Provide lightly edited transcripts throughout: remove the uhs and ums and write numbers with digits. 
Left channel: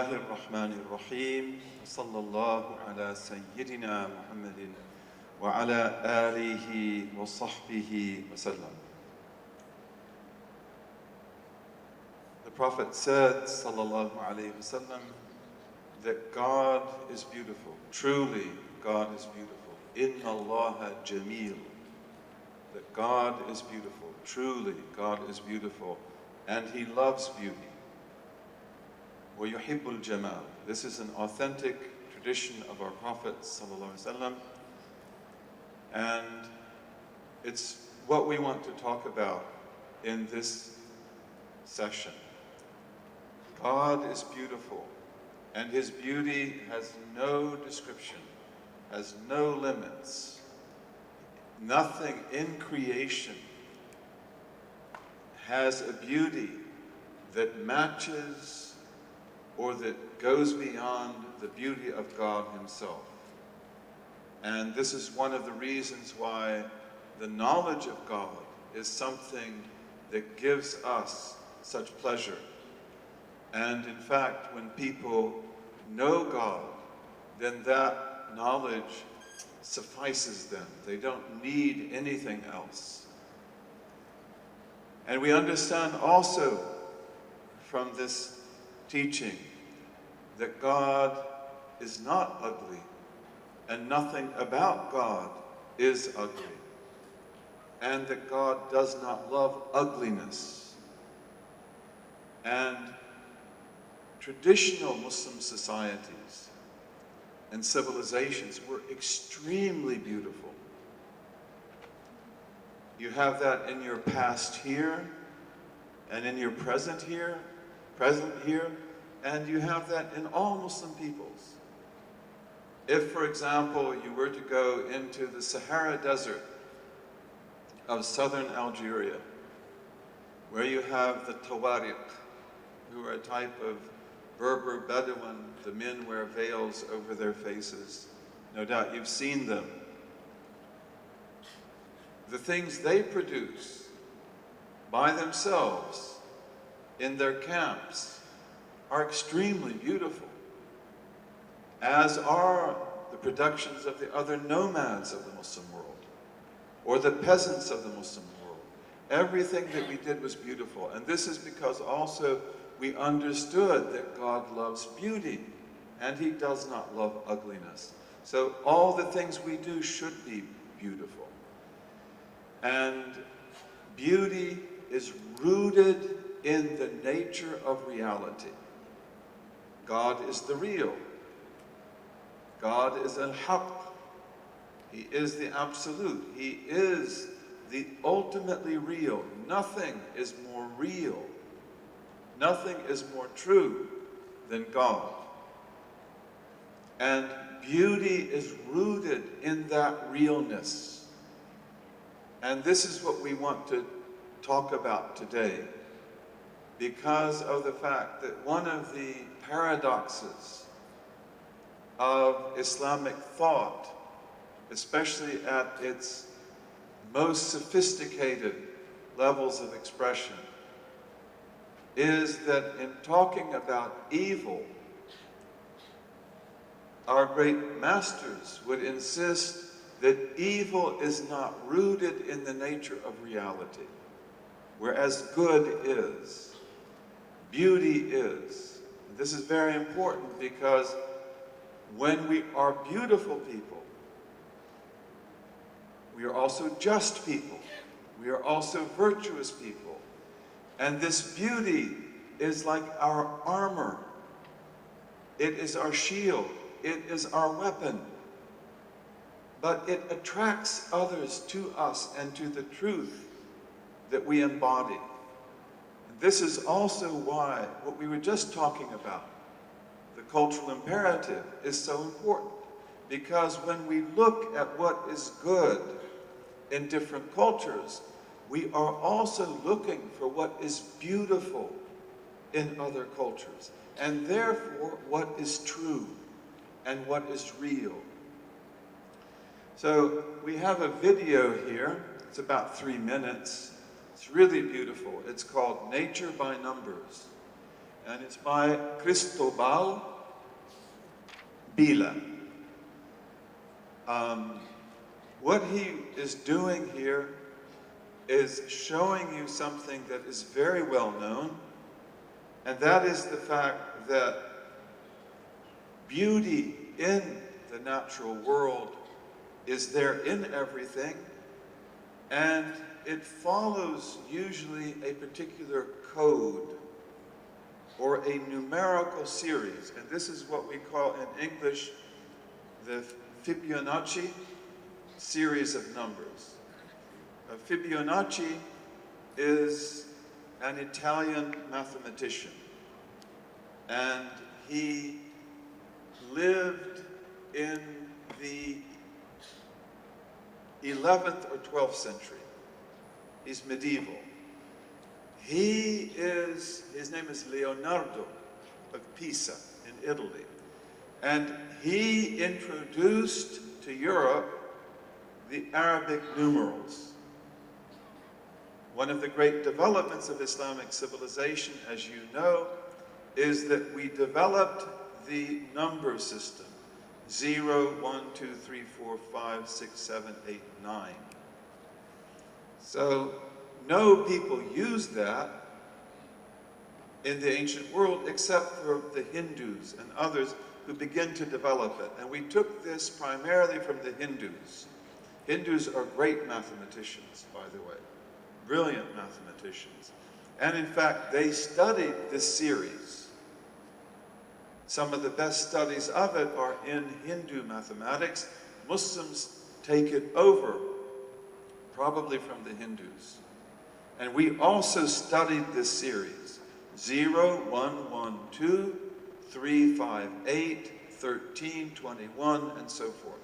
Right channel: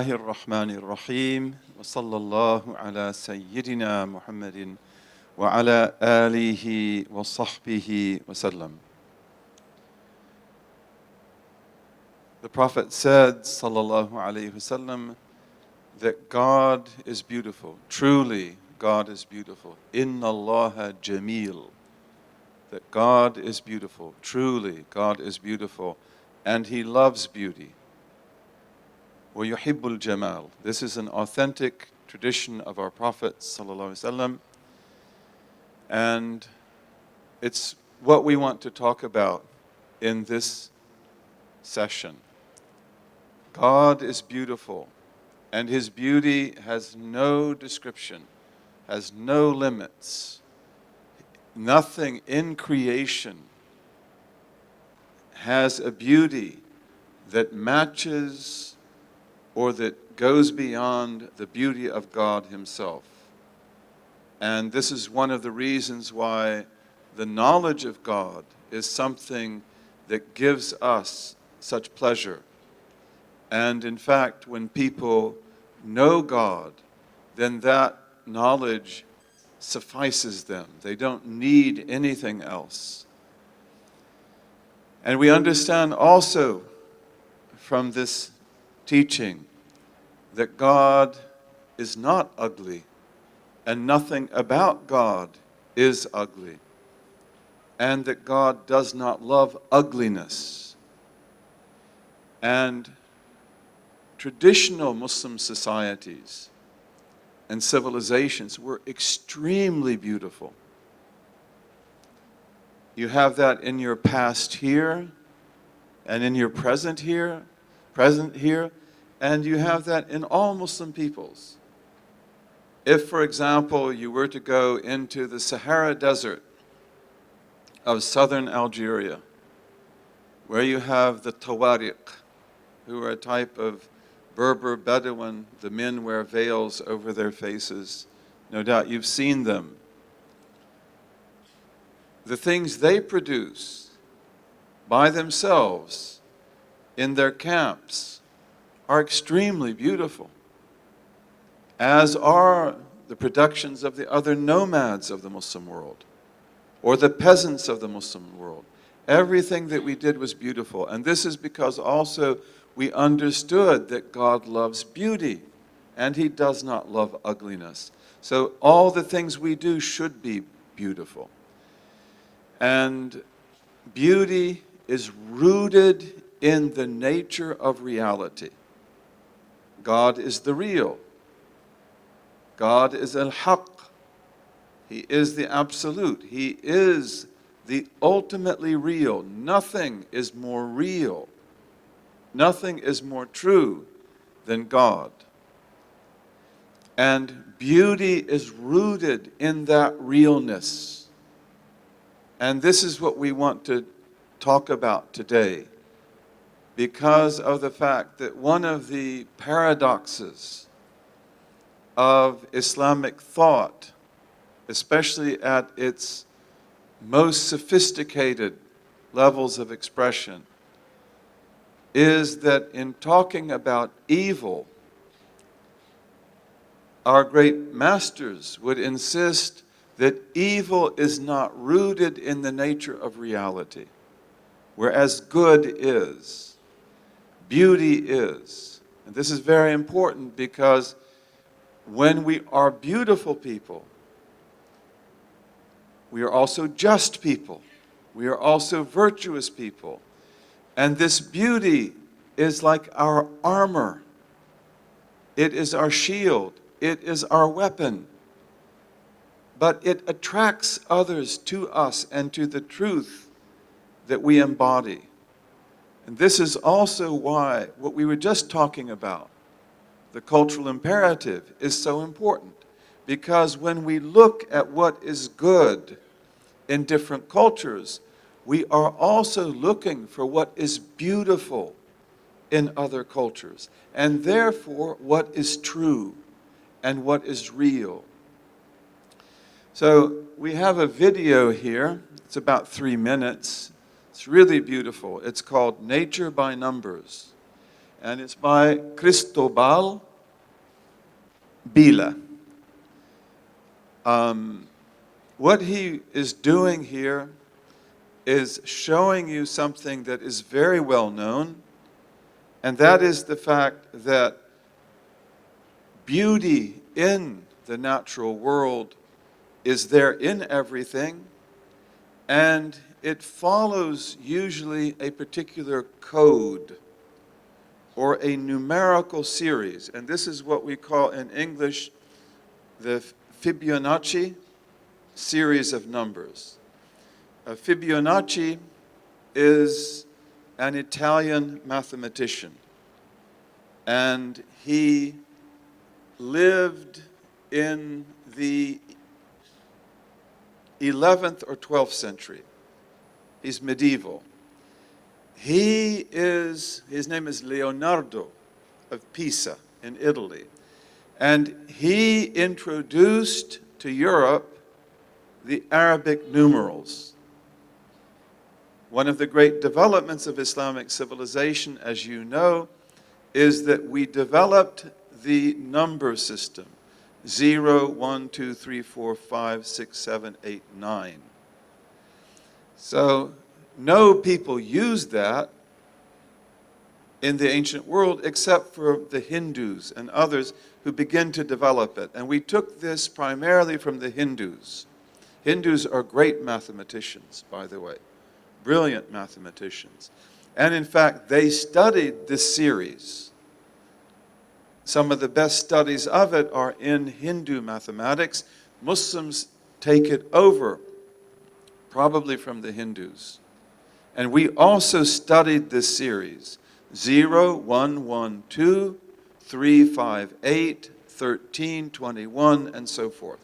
الله الرحمن الرحيم وصلى الله على سيدنا محمد وعلى آله وصحبه وسلم. The Prophet said, sallallahu alayhi wasallam, that God is beautiful. Truly, God is beautiful. Inna Allaha jameel. That God is beautiful. Truly, God is beautiful. And He loves beauty. وَيُحِبُّ الْجَمَالِ. This is an authentic tradition of our Prophet sallallahu alaihi wasallam, and it's what we want to talk about in this session. God is beautiful, and His beauty has no description, has no limits. Nothing in creation has a beauty that matches or that goes beyond the beauty of God Himself. And this is one of the reasons why the knowledge of God is something that gives us such pleasure. And in fact, when people know God, then that knowledge suffices them. They don't need anything else. And we understand also from this teaching that God is not ugly, and nothing about God is ugly, and that God does not love ugliness. And traditional Muslim societies and civilizations were extremely beautiful. You have that in your past here, and in your present here, and you have that in all Muslim peoples. If, for example, you were to go into the Sahara Desert of southern Algeria, where you have the Tawariq, who are a type of Berber Bedouin, the men wear veils over their faces. No doubt you've seen them. The things they produce by themselves in their camps are extremely beautiful, as are the productions of the other nomads of the Muslim world, or the peasants of the Muslim world. Everything that we did was beautiful, and this is because also we understood that God loves beauty, and He does not love ugliness. So all the things we do should be beautiful. And beauty is rooted in the nature of reality. God is the real. God is al-haq. He is the absolute. He is the ultimately real. Nothing is more real. Nothing is more true than God. And beauty is rooted in that realness. And this is what we want to talk about today, because of the fact that one of the paradoxes of Islamic thought, especially at its most sophisticated levels of expression, is that in talking about evil, our great masters would insist that evil is not rooted in the nature of reality, whereas good is. Beauty is. And this is very important, because when we are beautiful people, we are also just people. We are also virtuous people. And this beauty is like our armor. It is our shield. It is our weapon. But it attracts others to us and to the truth that we embody. And this is also why what we were just talking about, the cultural imperative, is so important. Because when we look at what is good in different cultures, we are also looking for what is beautiful in other cultures, and therefore what is true and what is real. So we have a video here. It's about 3 minutes. It's really beautiful. It's called Nature by Numbers. and it's by Cristobal Bila. What he is doing here is showing you something that is very well known, and that is the fact that beauty in the natural world is there in everything, and it follows usually a particular code or a numerical series. And this is what we call in English the Fibonacci series of numbers. Fibonacci is an Italian mathematician, and he lived in the 11th or 12th century. He's medieval. His name is Leonardo of Pisa in Italy. And he introduced to Europe the Arabic numerals. One of the great developments of Islamic civilization, as you know, is that we developed the number system. 0, 1, 2, 3, 4, 5, 6, 7, 8, 9. So no people used that in the ancient world except for the Hindus and others who begin to develop it. And we took this primarily from the Hindus. Hindus are great mathematicians, by the way, brilliant mathematicians. And in fact, they studied this series. Some of the best studies of it are in Hindu mathematics. Muslims take it over, probably from the Hindus. And we also studied this series, 0, 1, 1, 2, 3, 5, 8, 13, 21, and so forth.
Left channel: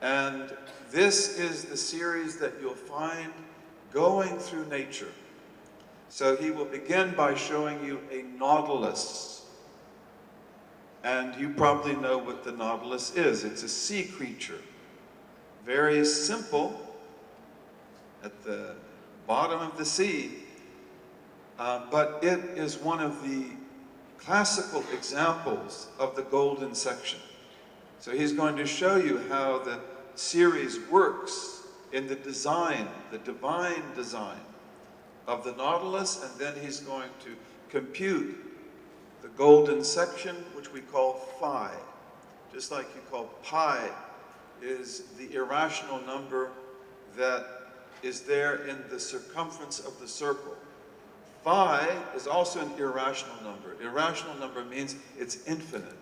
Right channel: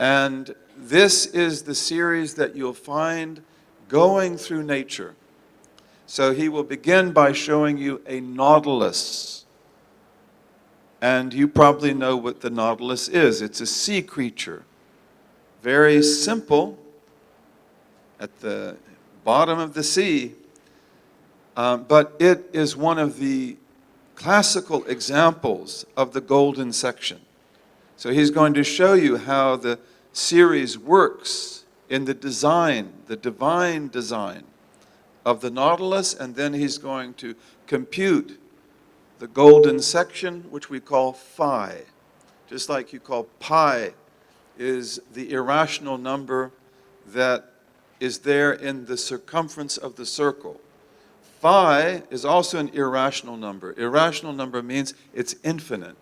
And this is the series that you'll find going through nature. So he will begin by showing you a nautilus. And you probably know what the nautilus is. It's a sea creature. Very simple, at the bottom of the sea, but it is one of the classical examples of the golden section. So he's going to show you how the series works in the design, the divine design of the nautilus, and then he's going to compute the golden section, which we call phi. Just like you call pi is the irrational number that is there in the circumference of the circle. Phi is also an irrational number. Irrational number means it's infinite.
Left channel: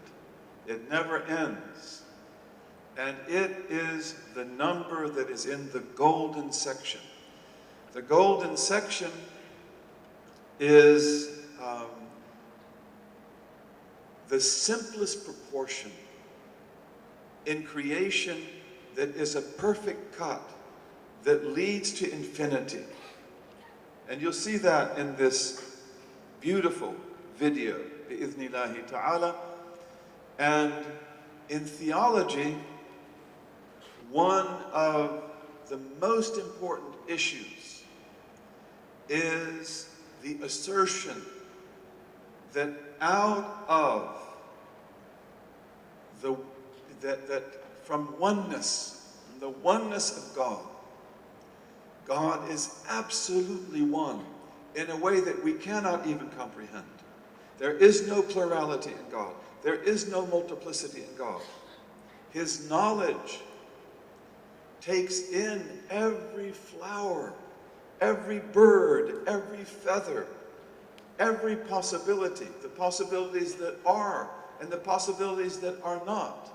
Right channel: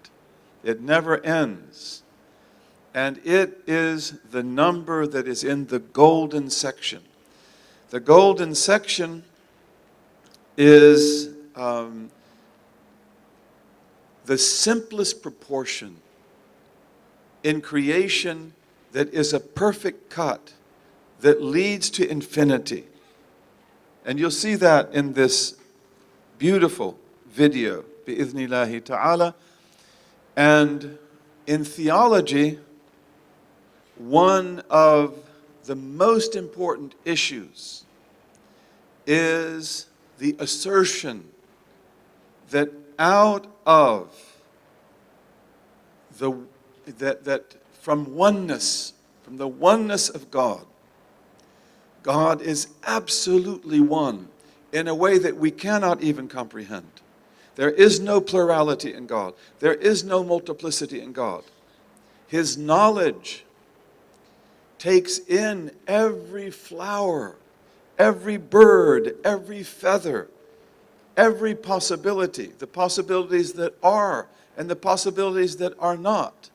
It never ends. And it is the number that is in the golden section. The golden section is the simplest proportion in creation that is a perfect cut that leads to infinity. And you'll see that in this beautiful video, bi'idhnillahi ta'ala. And in theology, one of the most important issues is the assertion that out of from the oneness of God, God is absolutely one in a way that we cannot even comprehend. There is no plurality in God. There is no multiplicity in God. His knowledge takes in every flower, every bird, every feather, every possibility, the possibilities that are and the possibilities that are not.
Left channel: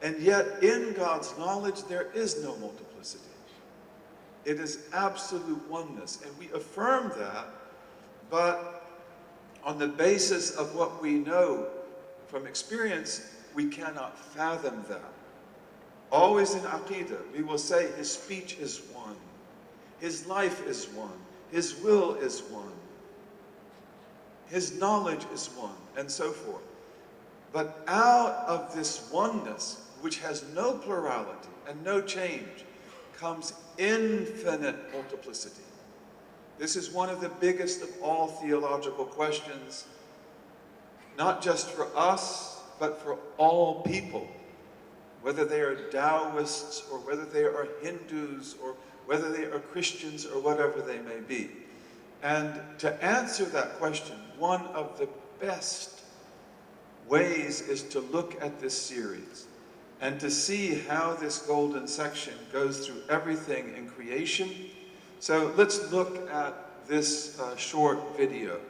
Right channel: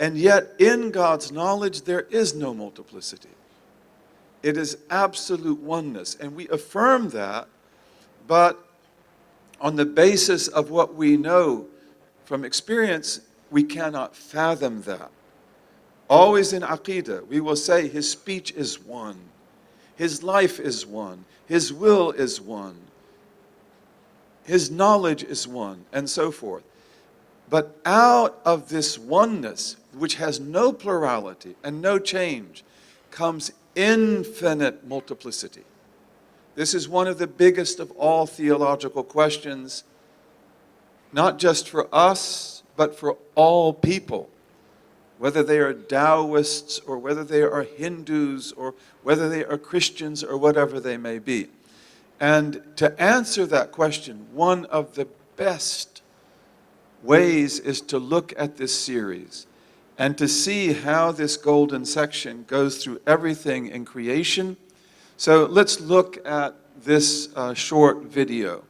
And yet in God's knowledge there is no multiplicity. It is absolute oneness, and we affirm that, but on the basis of what we know from experience, we cannot fathom that. Always in Aqidah, we will say his speech is one, his life is one, his will is one, his knowledge is one, and so forth. But out of this oneness, which has no plurality and no change, comes infinite multiplicity. This is one of the biggest of all theological questions not just for us, but for all people, whether they are Taoists or whether they are Hindus or whether they are Christians or whatever they may be. And to answer that question, one of the best ways is to look at this series and to see how this golden section goes through everything in creation. So let's look at this short video.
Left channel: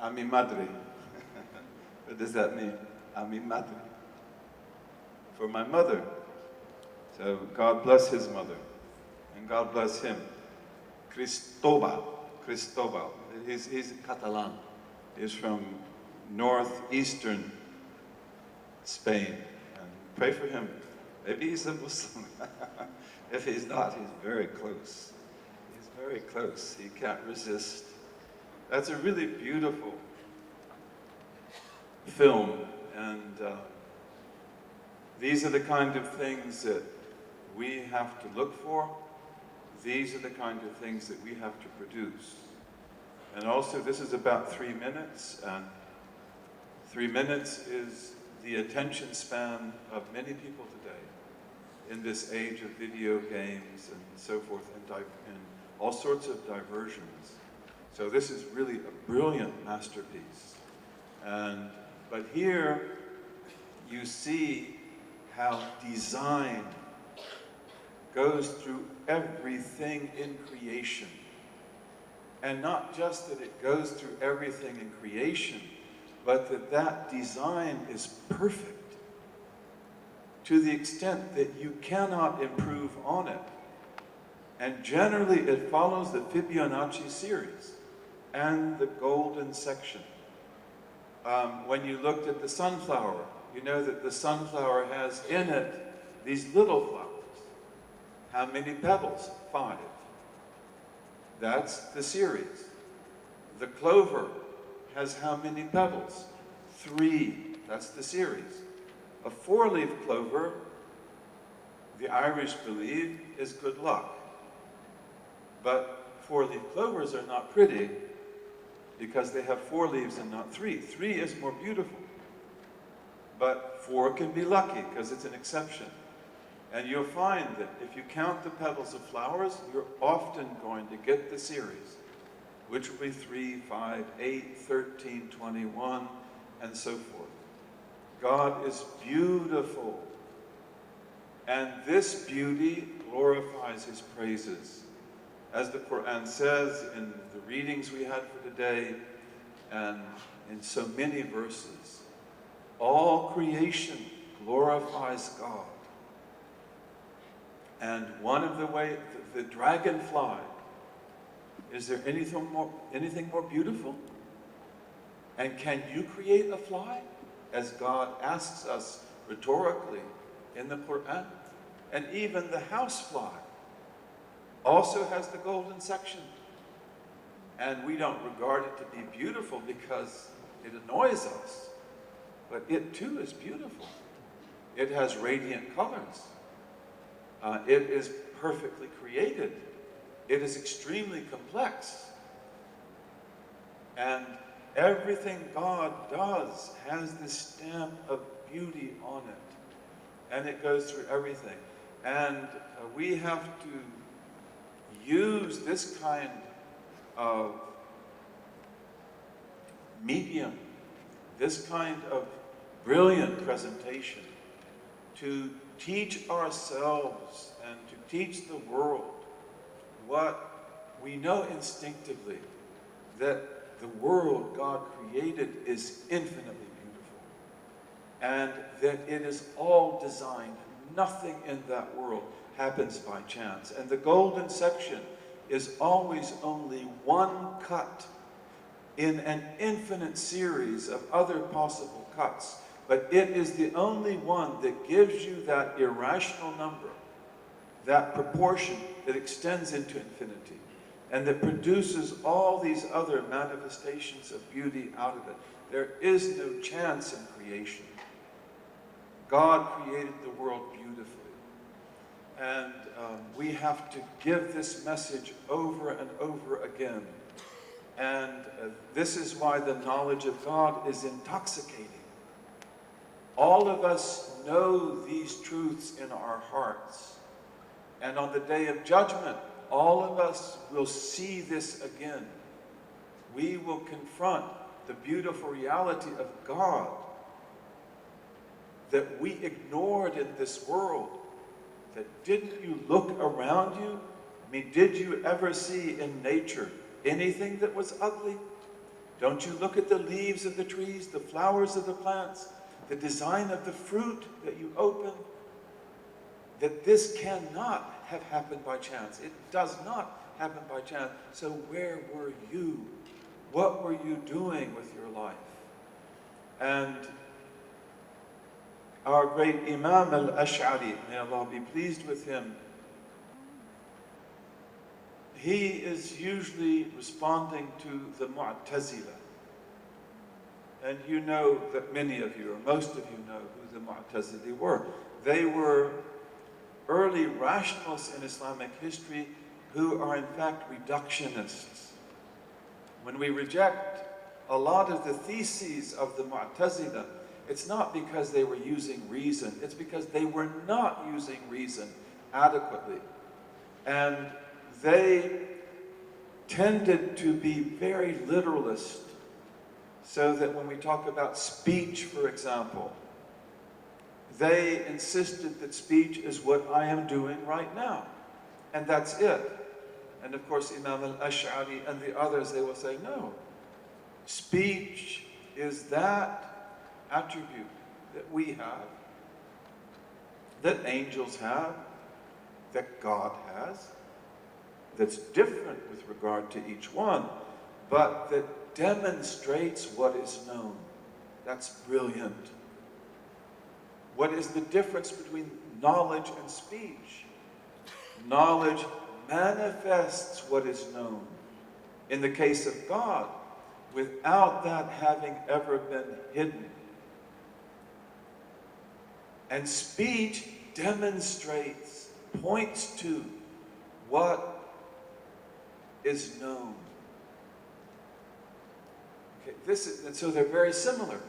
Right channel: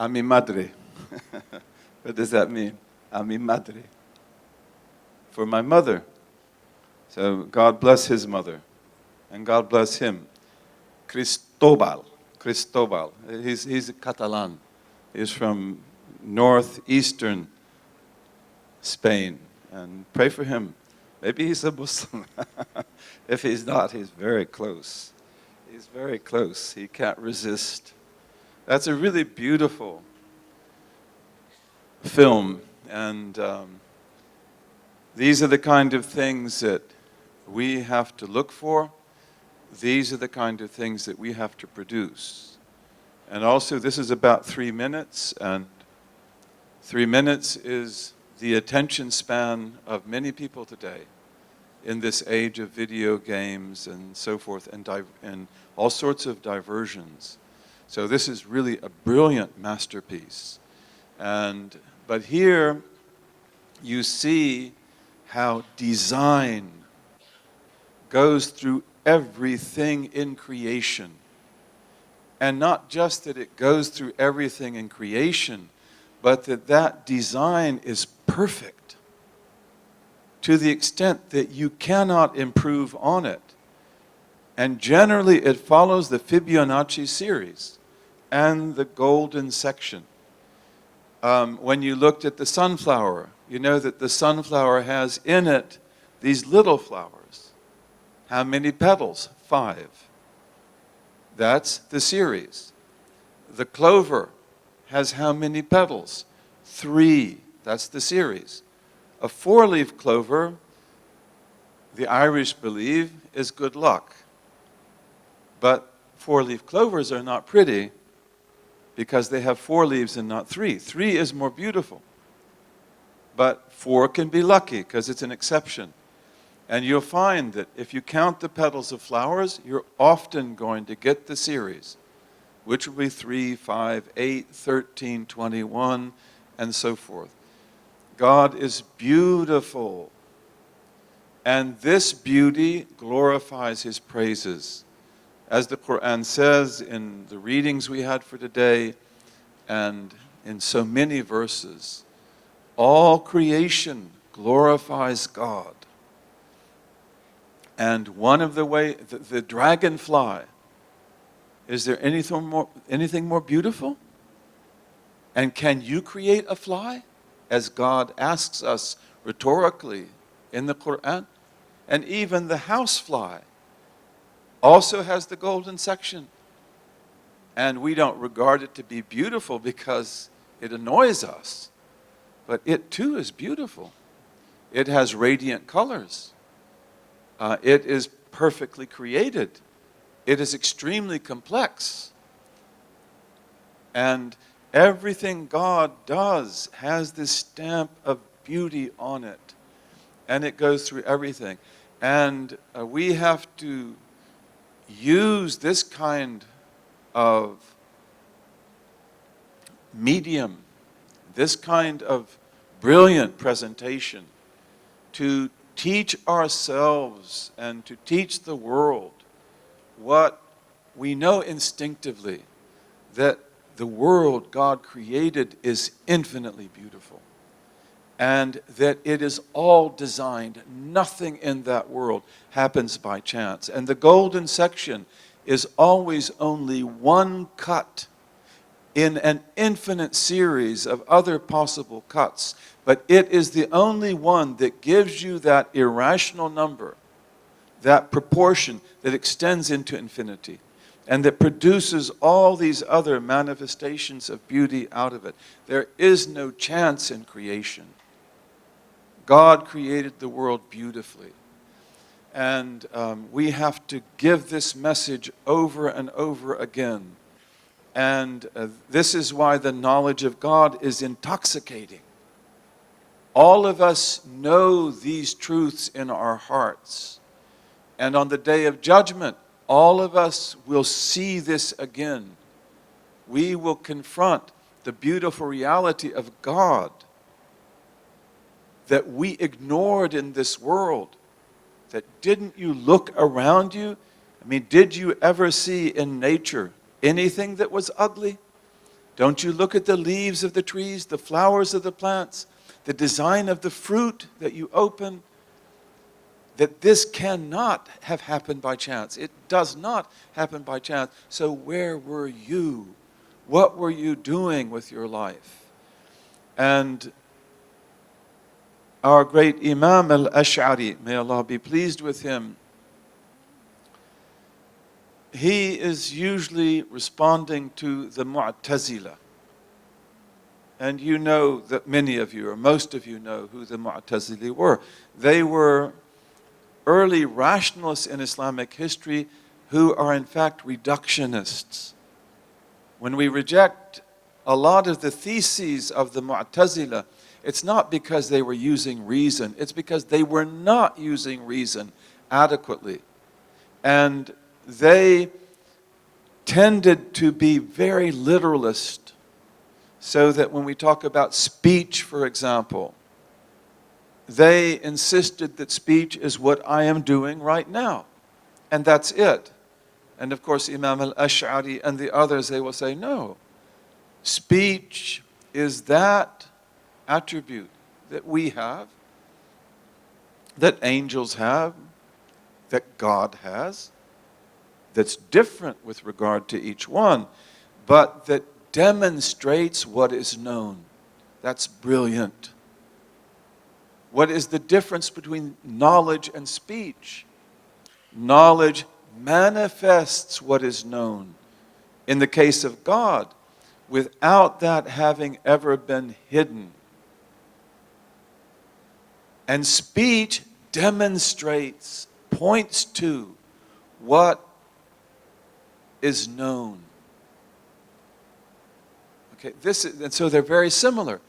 A mi madre. What does that mean? A mi madre. For my mother. So God bless his mother. And God bless him. Cristobal. Cristobal. He's Catalan. He's from northeastern Spain. And pray for him. Maybe he's a Muslim. If he's not, he's very close. He's very close. He can't resist. That's a really beautiful film, and these are the kind of things that we have to look for. These are the kind of things that we have to produce. And also, this is about 3 minutes, and 3 minutes is the attention span of many people today in this age of video games and so forth, and all sorts of diversions. So this is really a brilliant masterpiece. But here you see how design goes through everything in creation. And not just that it goes through everything in creation, but that design is perfect to the extent that you cannot improve on it. And generally it follows the Fibonacci series and the golden section. When you looked at the sunflower, you know that the sunflower has in it these little flowers. How many petals? 5. That's the series. The clover has how many petals? 3. That's the series. A 4-leaf clover, the Irish believe, is good luck. But 4-leaf clovers are not pretty because they have 4 leaves and not 3. 3 is more beautiful. But 4 can be lucky because it's an exception. And you'll find that if you count the petals of flowers, you're often going to get the series, which will be 3, 5, 8, 13, 21, and so forth. God is beautiful. And this beauty glorifies his praises. As the Quran says in the readings we had for today, and in so many verses, all creation glorifies God. And one of the ways, the dragonfly, is there anything more beautiful? And can you create a fly? As God asks us rhetorically in the Quran. And even the housefly also has the golden section. And we don't regard it to be beautiful because it annoys us. But it too is beautiful. It has radiant colors. It is perfectly created. It is extremely complex. And everything God does has this stamp of beauty on it. And it goes through everything. And we have to use this kind of medium, this kind of brilliant presentation to teach ourselves and to teach the world what we know instinctively, that the world God created is infinitely beautiful and that it is all designed. Nothing in that world happens by chance. And the golden section is always only one cut in an infinite series of other possible cuts. But it is the only one that gives you that irrational number, that proportion that extends into infinity, and that produces all these other manifestations of beauty out of it. There is no chance in creation. God created the world beautifully. And we have to give this message over and over again. And this is why the knowledge of God is intoxicating. All of us know these truths in our hearts. And on the day of judgment, all of us will see this again. We will confront the beautiful reality of God that we ignored in this world. That didn't you look around you? I mean, did you ever see in nature anything that was ugly? Don't you look at the leaves of the trees, the flowers of the plants, the design of the fruit that you open? That this cannot have happened by chance. It does not happen by chance. So where were you? What were you doing with your life? And our great Imam al-Ash'ari, may Allah be pleased with him, he is usually responding to the Mu'tazila. And you know that many of you, or most of you know who the Mu'tazili were. They were early rationalists in Islamic history who are in fact reductionists. When we reject a lot of the theses of the Mu'tazila, it's not because they were using reason, it's because they were not using reason adequately. And they tended to be very literalist, so that when we talk about speech, for example, they insisted that speech is what I am doing right now, and that's it. And of course, Imam al-Ash'ari and the others, they will say, no, speech is that attribute that we have, that angels have, that God has, that's different with regard to each one, but that demonstrates what is known. That's brilliant. What is the difference between knowledge and speech? Knowledge manifests what is known. In the case of God, without that having ever been hidden. And speech demonstrates, points to what is known. Okay, and so they're very similar.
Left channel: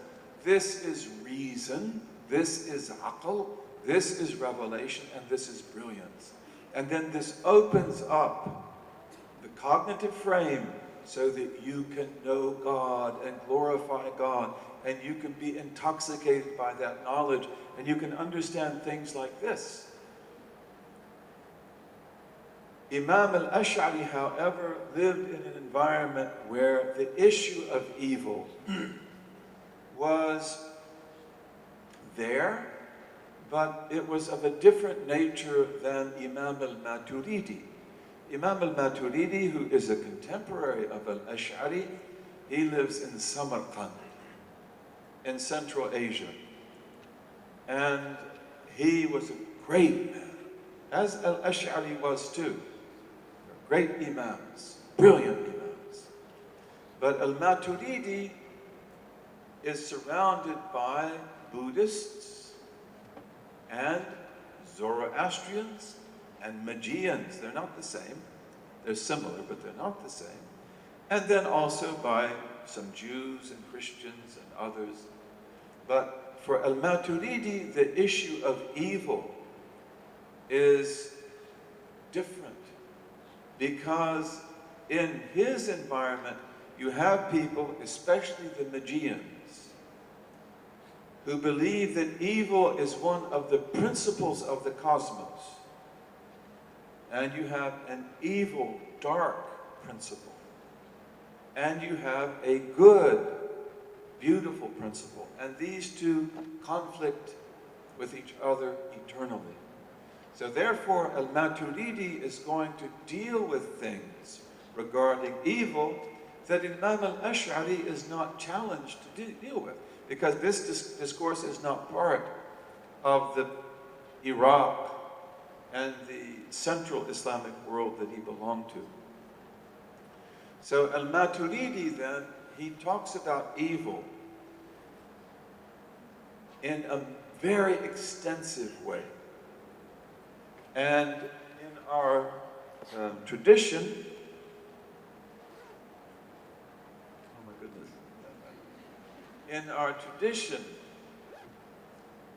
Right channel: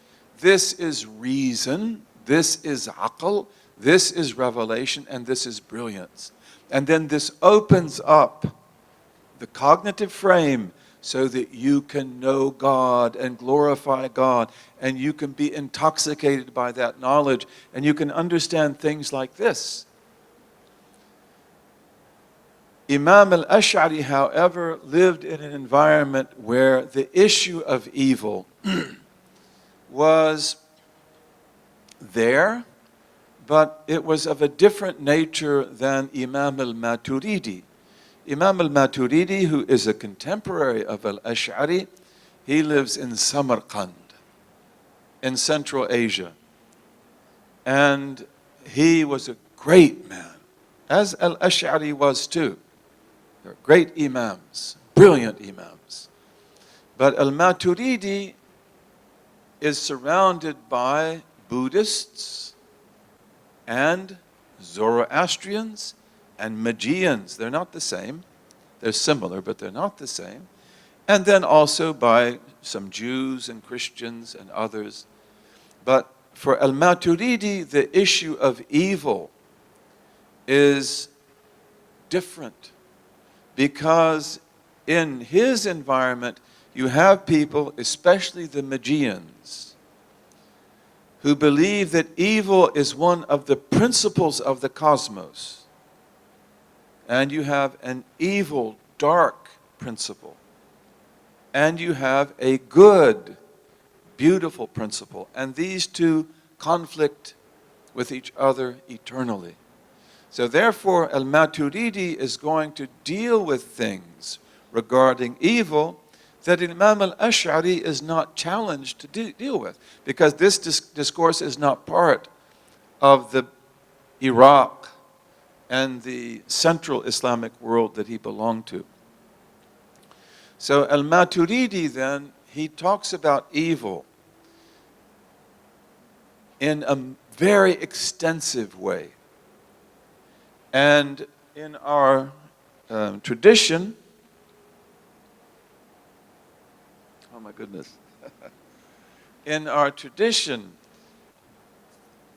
This is reason, this is aql, this is revelation, and this is brilliance. And then this opens up the cognitive frame so that you can know God and glorify God, and you can be intoxicated by that knowledge, and you can understand things like this. Imam al-Ash'ari, however, lived in an environment where the issue of evil was there, but it was of a different nature than Imam al-Maturidi. Imam al-Maturidi, who is a contemporary of al-Ash'ari, he lives in Samarkand, in Central Asia. And he was a great man, as al-Ash'ari was too. They're great imams, brilliant imams. But al-Maturidi is surrounded by Buddhists and Zoroastrians and Magians. They're not the same. They're similar, but they're not the same. And then also by some Jews and Christians and others. But for al-Maturidi, the issue of evil is different, because in his environment, you have people, especially the Magians, who believe that evil is one of the principles of the cosmos. And you have an evil, dark principle. And you have a good, beautiful principle. And these two conflict with each other eternally. So therefore, al-Maturidi is going to deal with things regarding evil that Imam al-Ash'ari is not challenged to deal with, because this discourse is not part of the Iraq and the central Islamic world that he belonged to. So al-Maturidi then, he talks about evil in a very extensive way. And in our tradition, oh my goodness, in our tradition,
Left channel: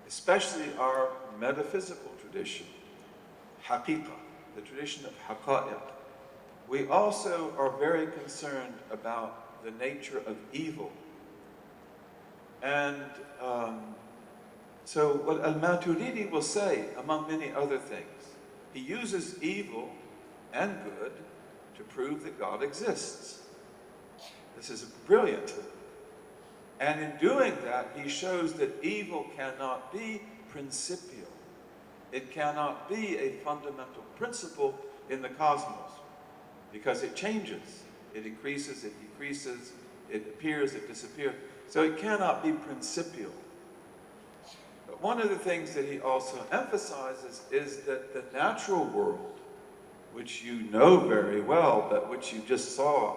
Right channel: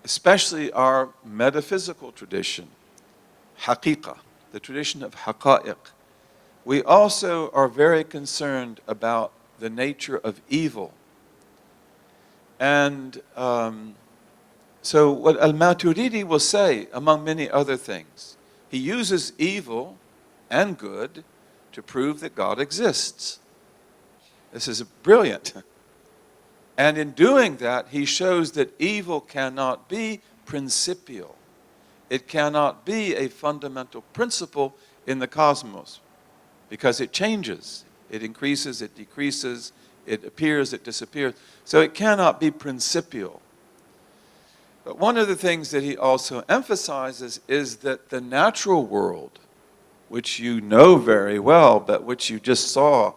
especially our metaphysical tradition, haqiqah, the tradition of haqa'iq, we also are very concerned about the nature of evil. And so what al-Maturidi will say, among many other things, he uses evil and good to prove that God exists. This is brilliant. And in doing that, he shows that evil cannot be principial. It cannot be a fundamental principle in the cosmos, because it changes. It increases, it decreases, it appears, it disappears. So it cannot be principial. But one of the things that he also emphasizes is that the natural world, which you know very well, but which you just saw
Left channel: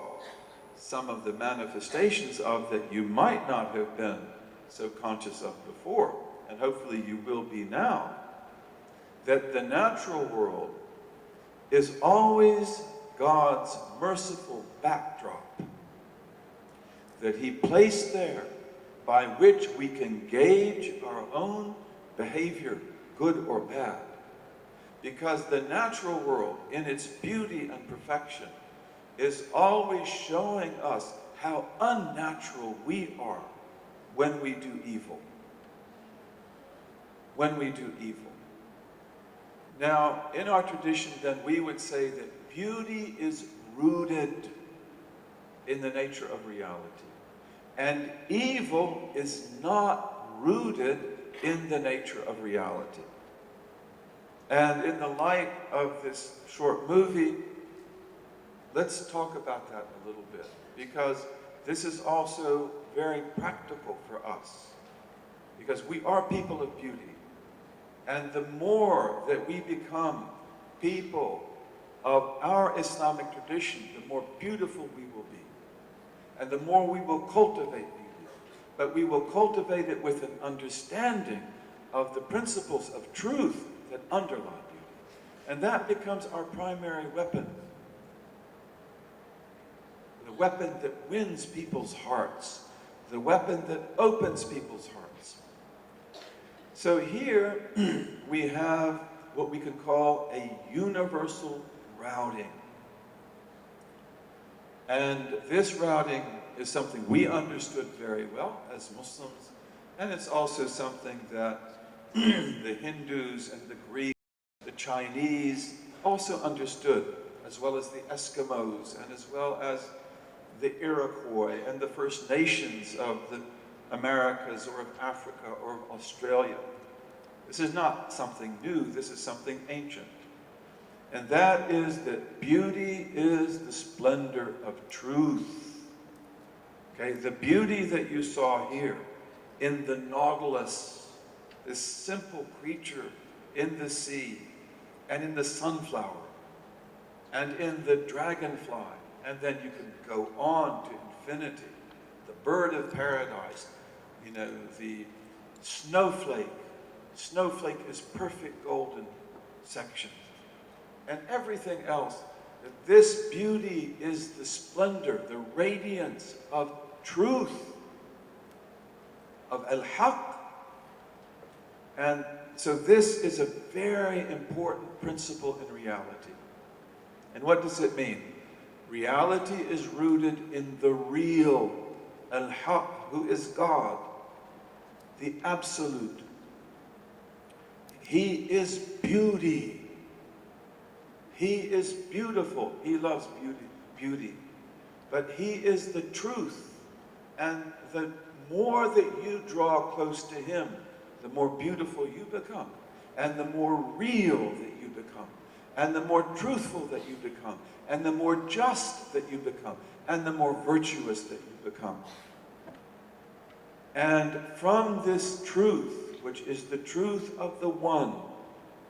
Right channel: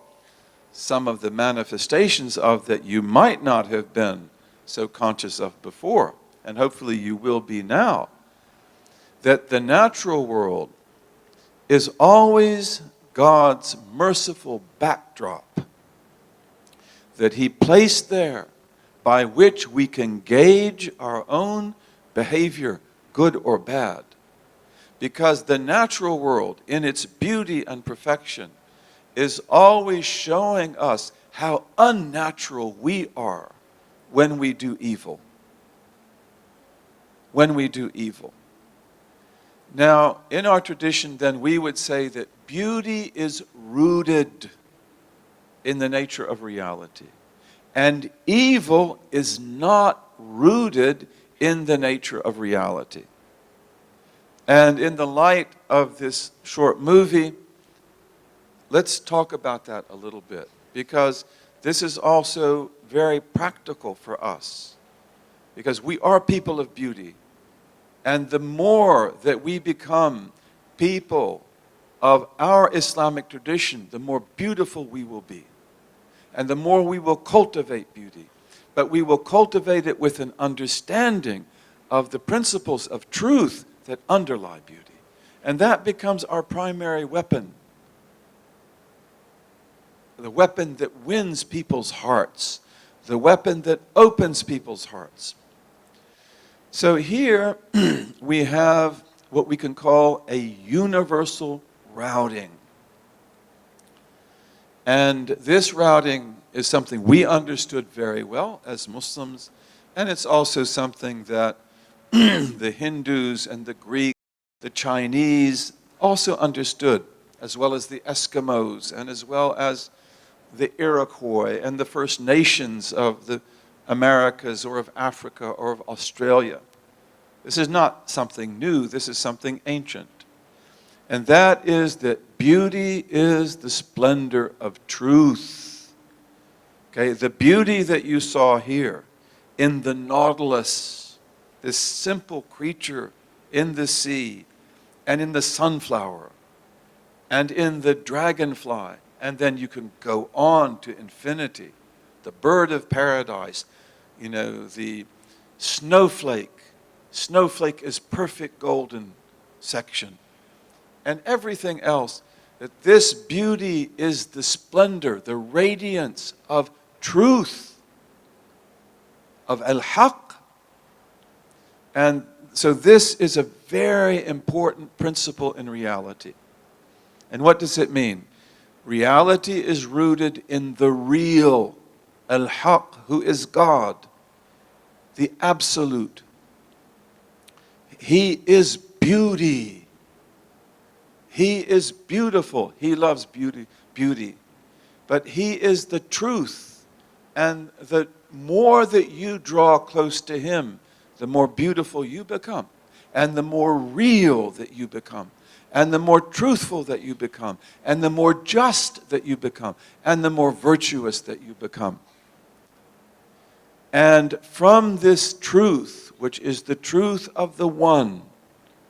some of the manifestations of that you might not have been so conscious of before, and hopefully you will be now, that the natural world is always God's merciful backdrop. that He placed there by which we can gauge our own behavior, good or bad. Because the natural world, in its beauty and perfection, is always showing us how unnatural we are when we do evil. When we do evil. Now, in our tradition, then, we would say that beauty is rooted in the nature of reality. And evil is not rooted in the nature of reality. And in the light of this short movie, let's talk about that a little bit, because this is also very practical for us, because we are people of beauty. And the more that we become people of our Islamic tradition, the more beautiful we will be. And the more we will cultivate beauty. But we will cultivate it with an understanding of the principles of truth that underlie beauty. And that becomes our primary weapon. The weapon that wins people's hearts. The weapon that opens people's hearts. So here we have what we can call a universal routing. And this routing is something we understood very well as Muslims, and it's also something that the Hindus and the Greeks, the Chinese also understood, as well as the Eskimos, and as well as the Iroquois and the First Nations of the Americas or of Africa or of Australia. This is not something new, this is something ancient. And that is that beauty is the splendor of truth. Okay, the beauty that you saw here in the nautilus, this simple creature in the sea, and in the sunflower, and in the dragonfly, and then you can go on to infinity. The bird of paradise, you know, the snowflake. Snowflake is perfect golden section. And everything else, that this beauty is the splendor, the radiance of truth, of al-haq. And so this is a very important principle in reality. And what does it mean? Reality is rooted in the real, al-haq, who is God, the absolute. He is beauty. He is beautiful. He loves beauty. But He is the truth. And the more that you draw close to Him, the more beautiful you become. And the more real that you become. And the more truthful that you become. And the more just that you become. And the more virtuous that you become. And from this truth, which is the truth of the One,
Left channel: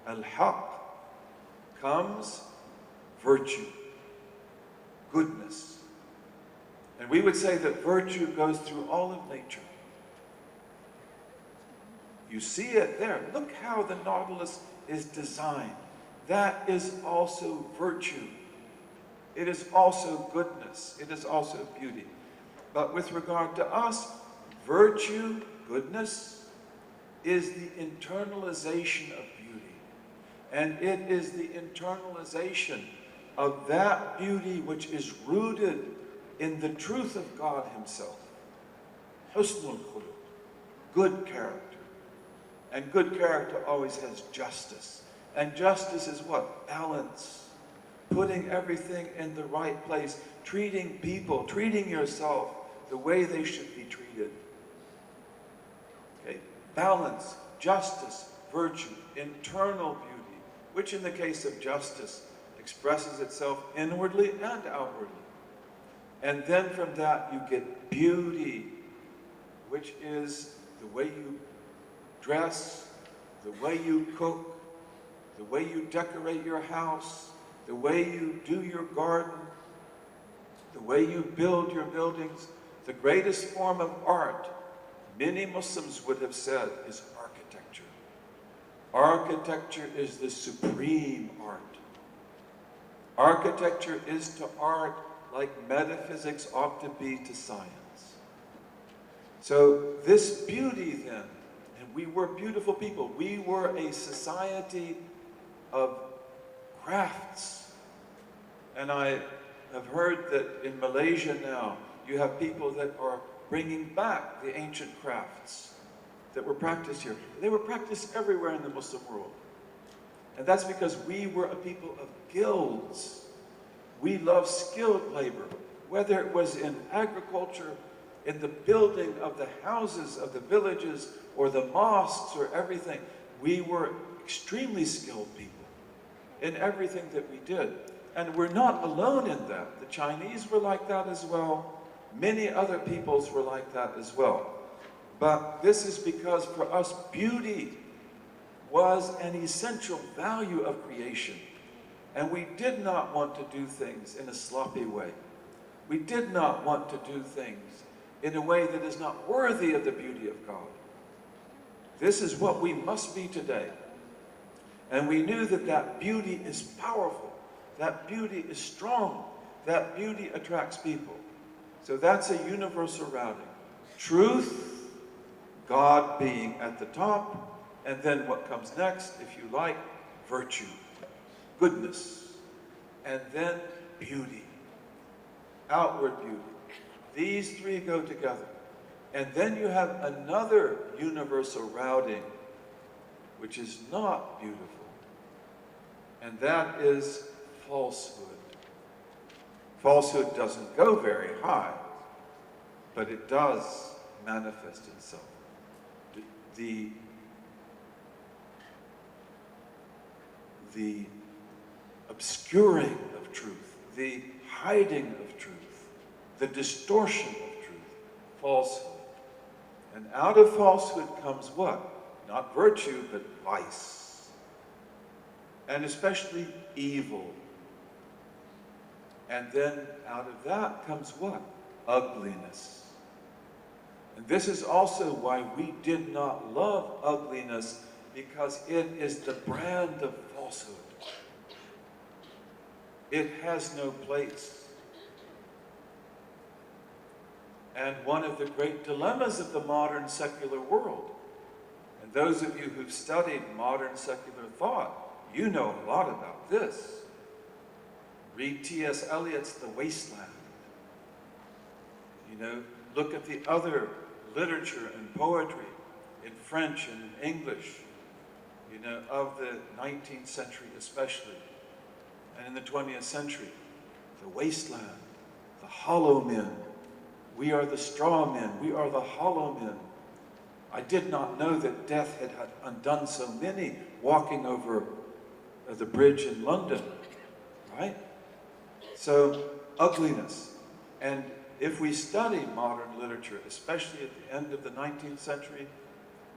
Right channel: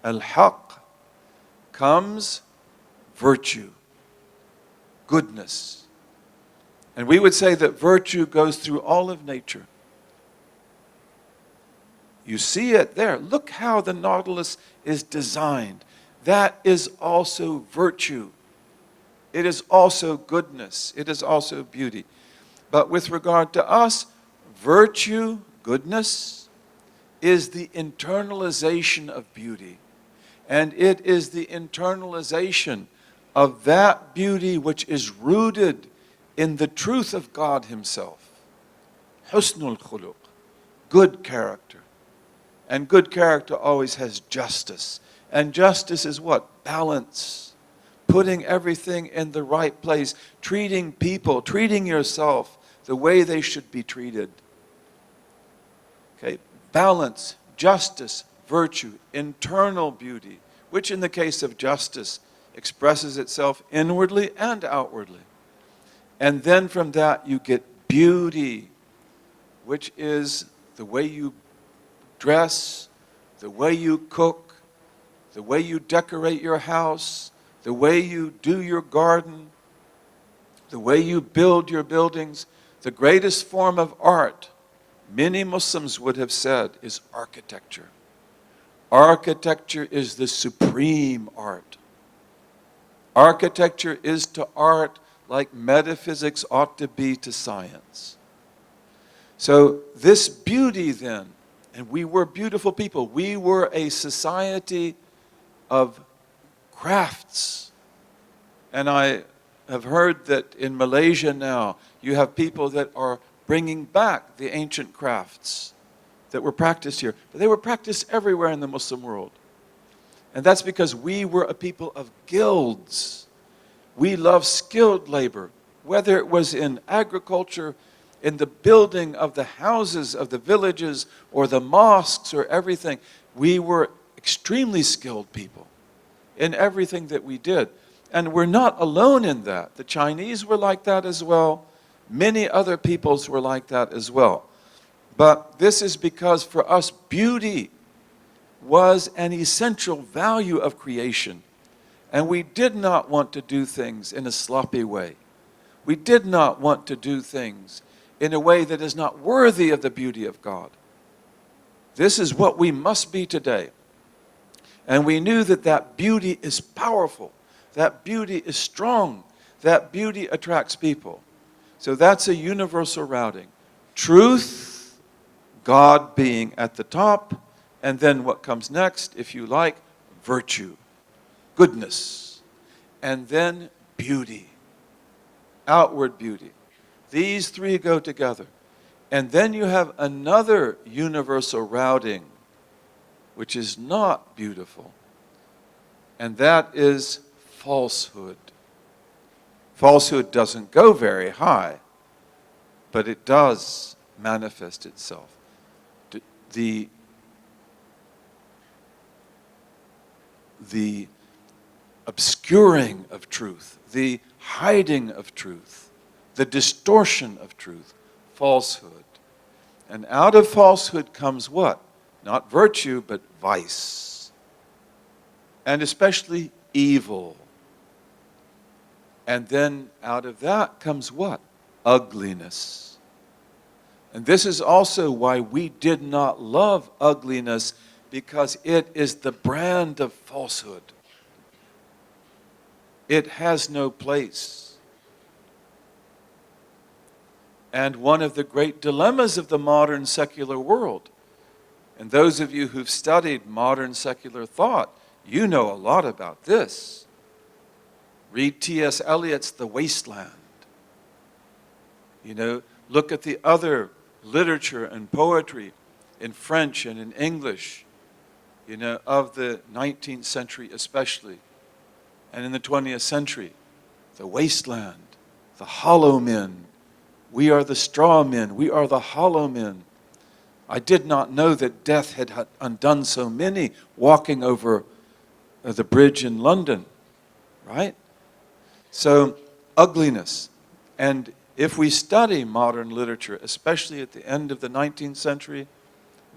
al-haq, comes virtue, goodness. And we would say that virtue goes through all of nature. You see it there. Look how the nautilus is designed. That is also virtue. It is also goodness. It is also beauty. But with regard to us, virtue, goodness, is the internalization of beauty. And it is the internalization of that beauty which is rooted in the truth of God Himself. Husnul khuluq, good character. And good character always has justice. And justice is what? Balance. Putting everything in the right place. Treating people, treating yourself the way they should be treated. Okay? Balance, justice, virtue, internal beauty, which in the case of justice expresses itself inwardly and outwardly. And then from that you get beauty, which is the way you dress, the way you cook, the way you decorate your house, the way you do your garden, the way you build your buildings. The greatest form of art, many Muslims would have said, is architecture. Architecture is the supreme art. Architecture is to art like metaphysics ought to be to science. So this beauty then, and we were beautiful people. We were a society of crafts. And I have heard that in Malaysia now, you have people that are bringing back the ancient crafts that were practiced here. They were practiced everywhere in the Muslim world. And that's because we were a people of guilds. We loved skilled labor, whether it was in agriculture, in the building of the houses of the villages, or the mosques, or everything. We were extremely skilled people in everything that we did. And we're not alone in that. The Chinese were like that as well. Many other peoples were like that as well. But this is because for us, beauty was an essential value of creation. And we did not want to do things in a sloppy way. We did not want to do things in a way that is not worthy of the beauty of God. This is what we must be today. And we knew that that beauty is powerful. That beauty is strong. That beauty attracts people. So that's a universal routing. Truth, God being at the top, and then what comes next, if you like, virtue, goodness, and then beauty, outward beauty. These three go together. And then you have another universal routing, which is not beautiful, and that is falsehood. Falsehood doesn't go very high, but it does manifest itself. The obscuring of truth, the hiding of truth, the distortion of truth, falsehood. And out of falsehood comes what? Not virtue, but vice. And especially evil. And then out of that comes what? Ugliness. And this is also why we did not love ugliness, because it is the brand of falsehood. It has no place. And one of the great dilemmas of the modern secular world, and those of you who've studied modern secular thought, you know a lot about this. Read T.S. Eliot's The Wasteland. You know, look at the other literature and poetry in French and in English, you know, of the 19th century especially, and in the 20th century. The wasteland, the hollow men. We are the straw men. We are the hollow men. I did not know that death had undone so many walking over the bridge in London, right? So, ugliness. And if we study modern literature, especially at the end of the 19th century,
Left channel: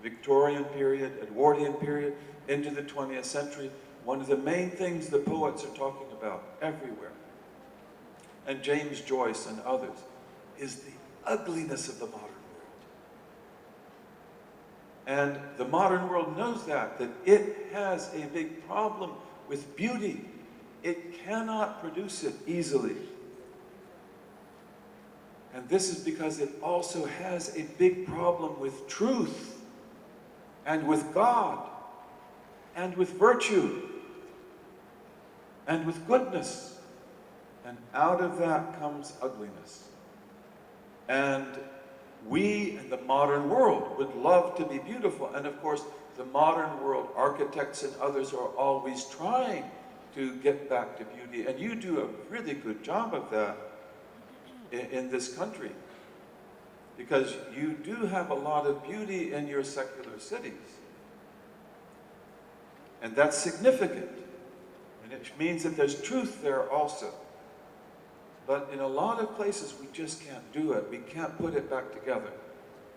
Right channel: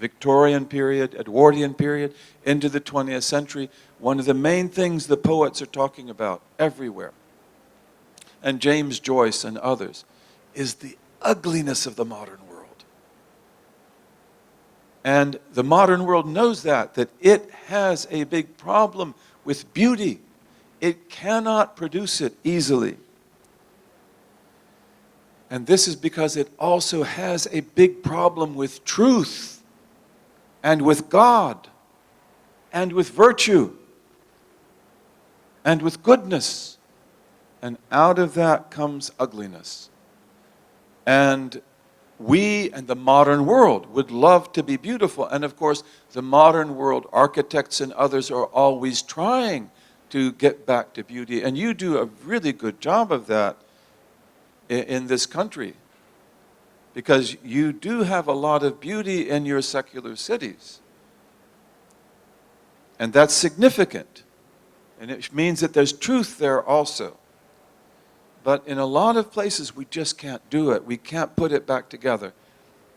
Victorian period, Edwardian period, into the 20th century, one of the main things the poets are talking about everywhere, and James Joyce and others, is the ugliness of the modern world. And the modern world knows that it has a big problem with beauty. It cannot produce it easily. And this is because it also has a big problem with truth, and with God, and with virtue, and with goodness. And out of that comes ugliness. And we and the modern world would love to be beautiful. And of course, the modern world architects and others are always trying to get back to beauty. And you do a really good job of that in this country, because you do have a lot of beauty in your secular cities. And that's significant. And it means that there's truth there also. But in a lot of places, we just can't do it. We can't put it back together.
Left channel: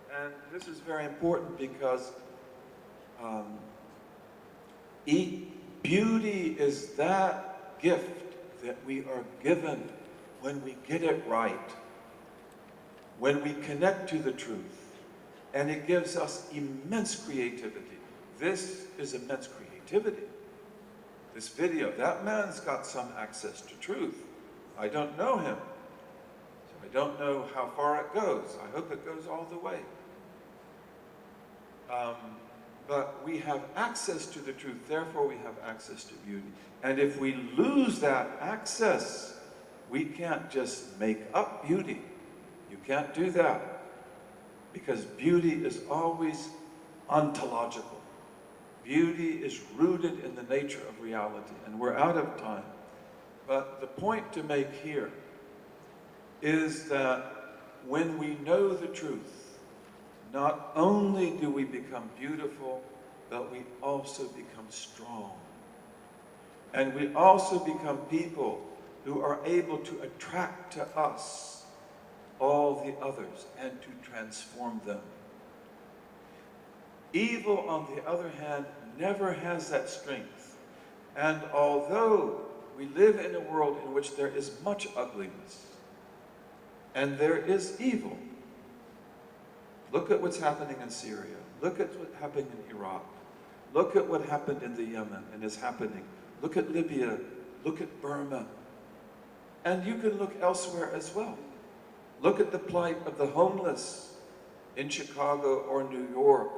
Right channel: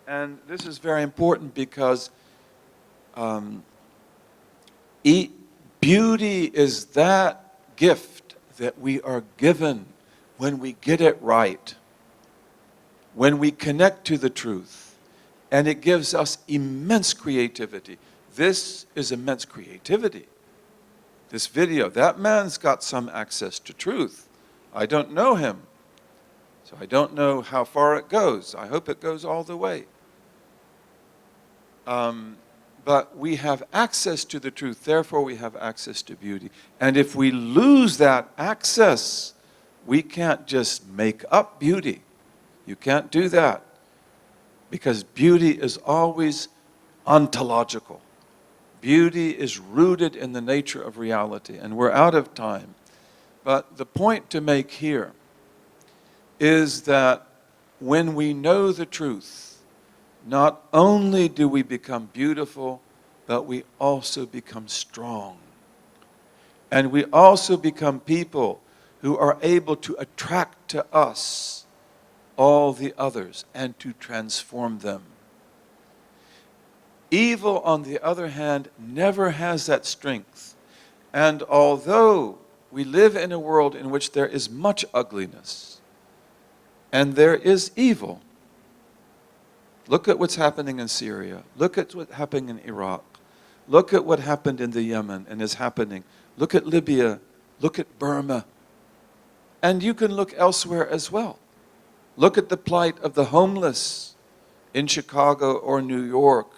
And this is very important because beauty is that gift that we are given when we get it right, when we connect to the truth. And it gives us immense creativity. This is immense creativity. This video, that man's got some access to truth. I don't know him, So I don't know how far it goes. I hope it goes all the way. But we have access to the truth, therefore we have access to beauty. And if we lose that access, we can't just make up beauty. You can't do that. Because beauty is always ontological. Beauty is rooted in the nature of reality. And we're out of time. But the point to make here is that when we know the truth, not only do we become beautiful, but we also become strong. And we also become people who are able to attract to us all the others and to transform them. Evil, on the other hand, never has that strength. And although we live in a world in which there is much ugliness and there is evil, look at what's happening in Syria. Look at what's happening in Iraq. Look at what happened in the Yemen and is happening. Look at Libya. Look at Burma. And you can look elsewhere as well. Look at the plight of the homeless in Chicago or New York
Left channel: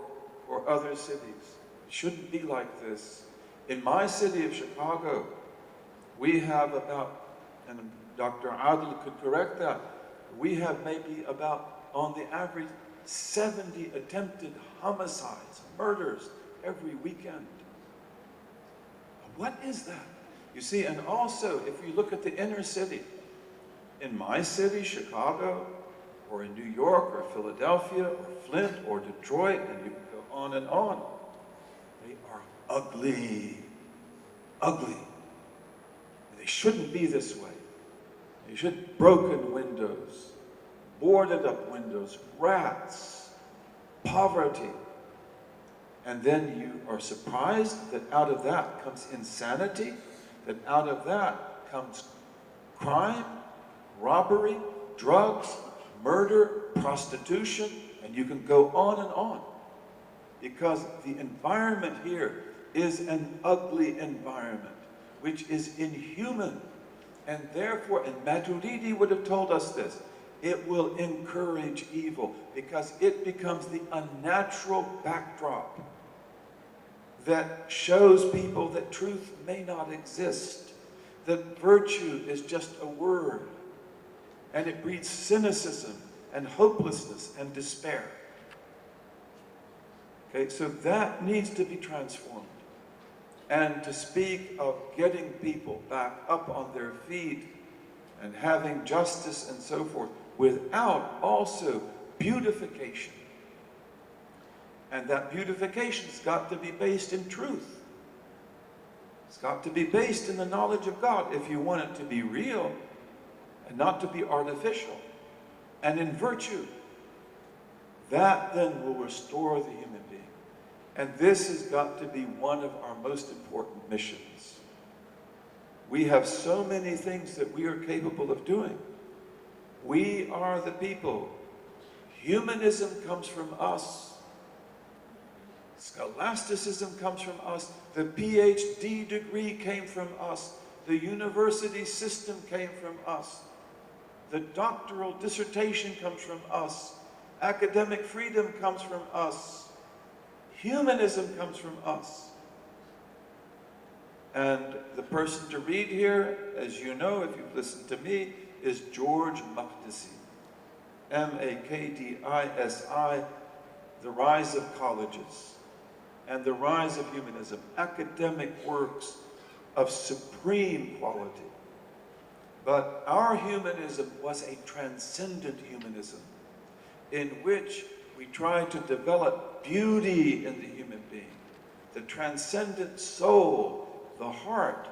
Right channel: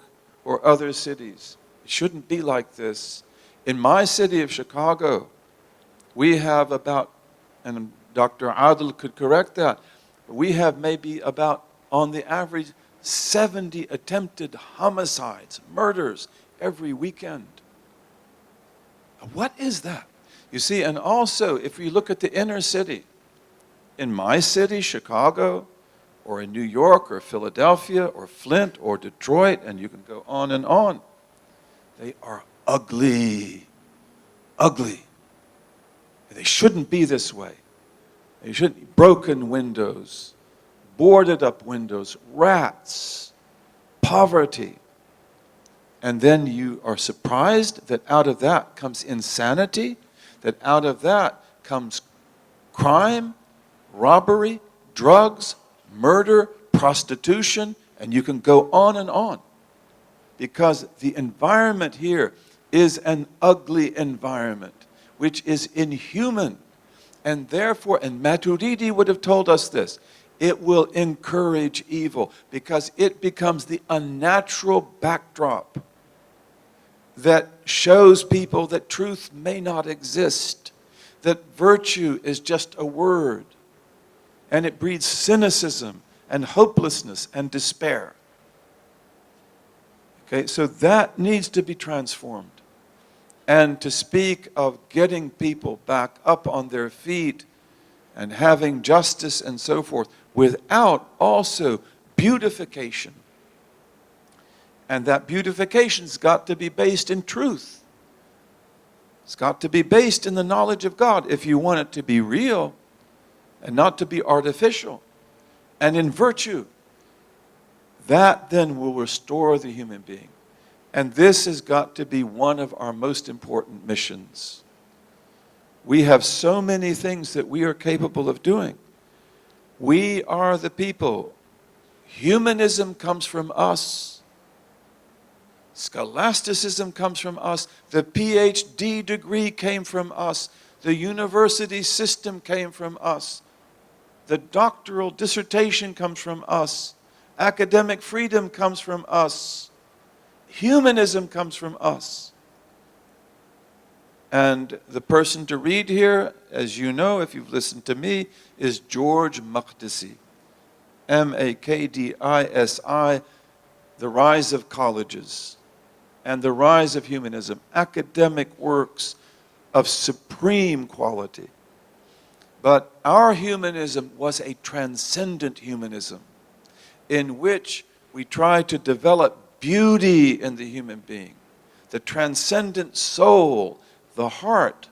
or other cities. It shouldn't be like this. In my city of Chicago, we have about, and Dr. Adil could correct that, we have maybe about, on the average, 70 attempted homicides, murders, every weekend. What is that? You see, and also, if you look at the inner city, in my city, Chicago, or in New York, or Philadelphia, or Flint, or Detroit, and you can go on and on, they are ugly. Ugly. They shouldn't be this way. They shouldn't. Broken windows, boarded up windows, rats, poverty. And then you are surprised that out of that comes insanity, that out of that comes crime, robbery, drugs, murder, prostitution, and you can go on and on. Because the environment here is an ugly environment, which is inhuman. And therefore, and Maturidi would have told us this, it will encourage evil because it becomes the unnatural backdrop that shows people that truth may not exist, that virtue is just a word, and it breeds cynicism and hopelessness and despair. Okay, so that needs to be transformed. And to speak of getting people back up on their feet and having justice and so forth, without also beautification. And that beautification's got to be based in truth. It's got to be based in the knowledge of God if you want it to be real and not to be artificial. And in virtue, that then will restore the human being. And this has got to be one of our most important missions. We have so many things that we are capable of doing. We are the people. Humanism comes from us. Scholasticism comes from us. The PhD degree came from us. The university system came from us. The doctoral dissertation comes from us. Academic freedom comes from us. Humanism comes from us. And the person to read here, as you know, if you've listened to me, is George Makdisi. M-A-K-D-I-S-I, The Rise of Colleges and the Rise of Humanism, academic works of supreme quality. But our humanism was a transcendent humanism in which we try to develop beauty in the human being, the transcendent soul, the heart,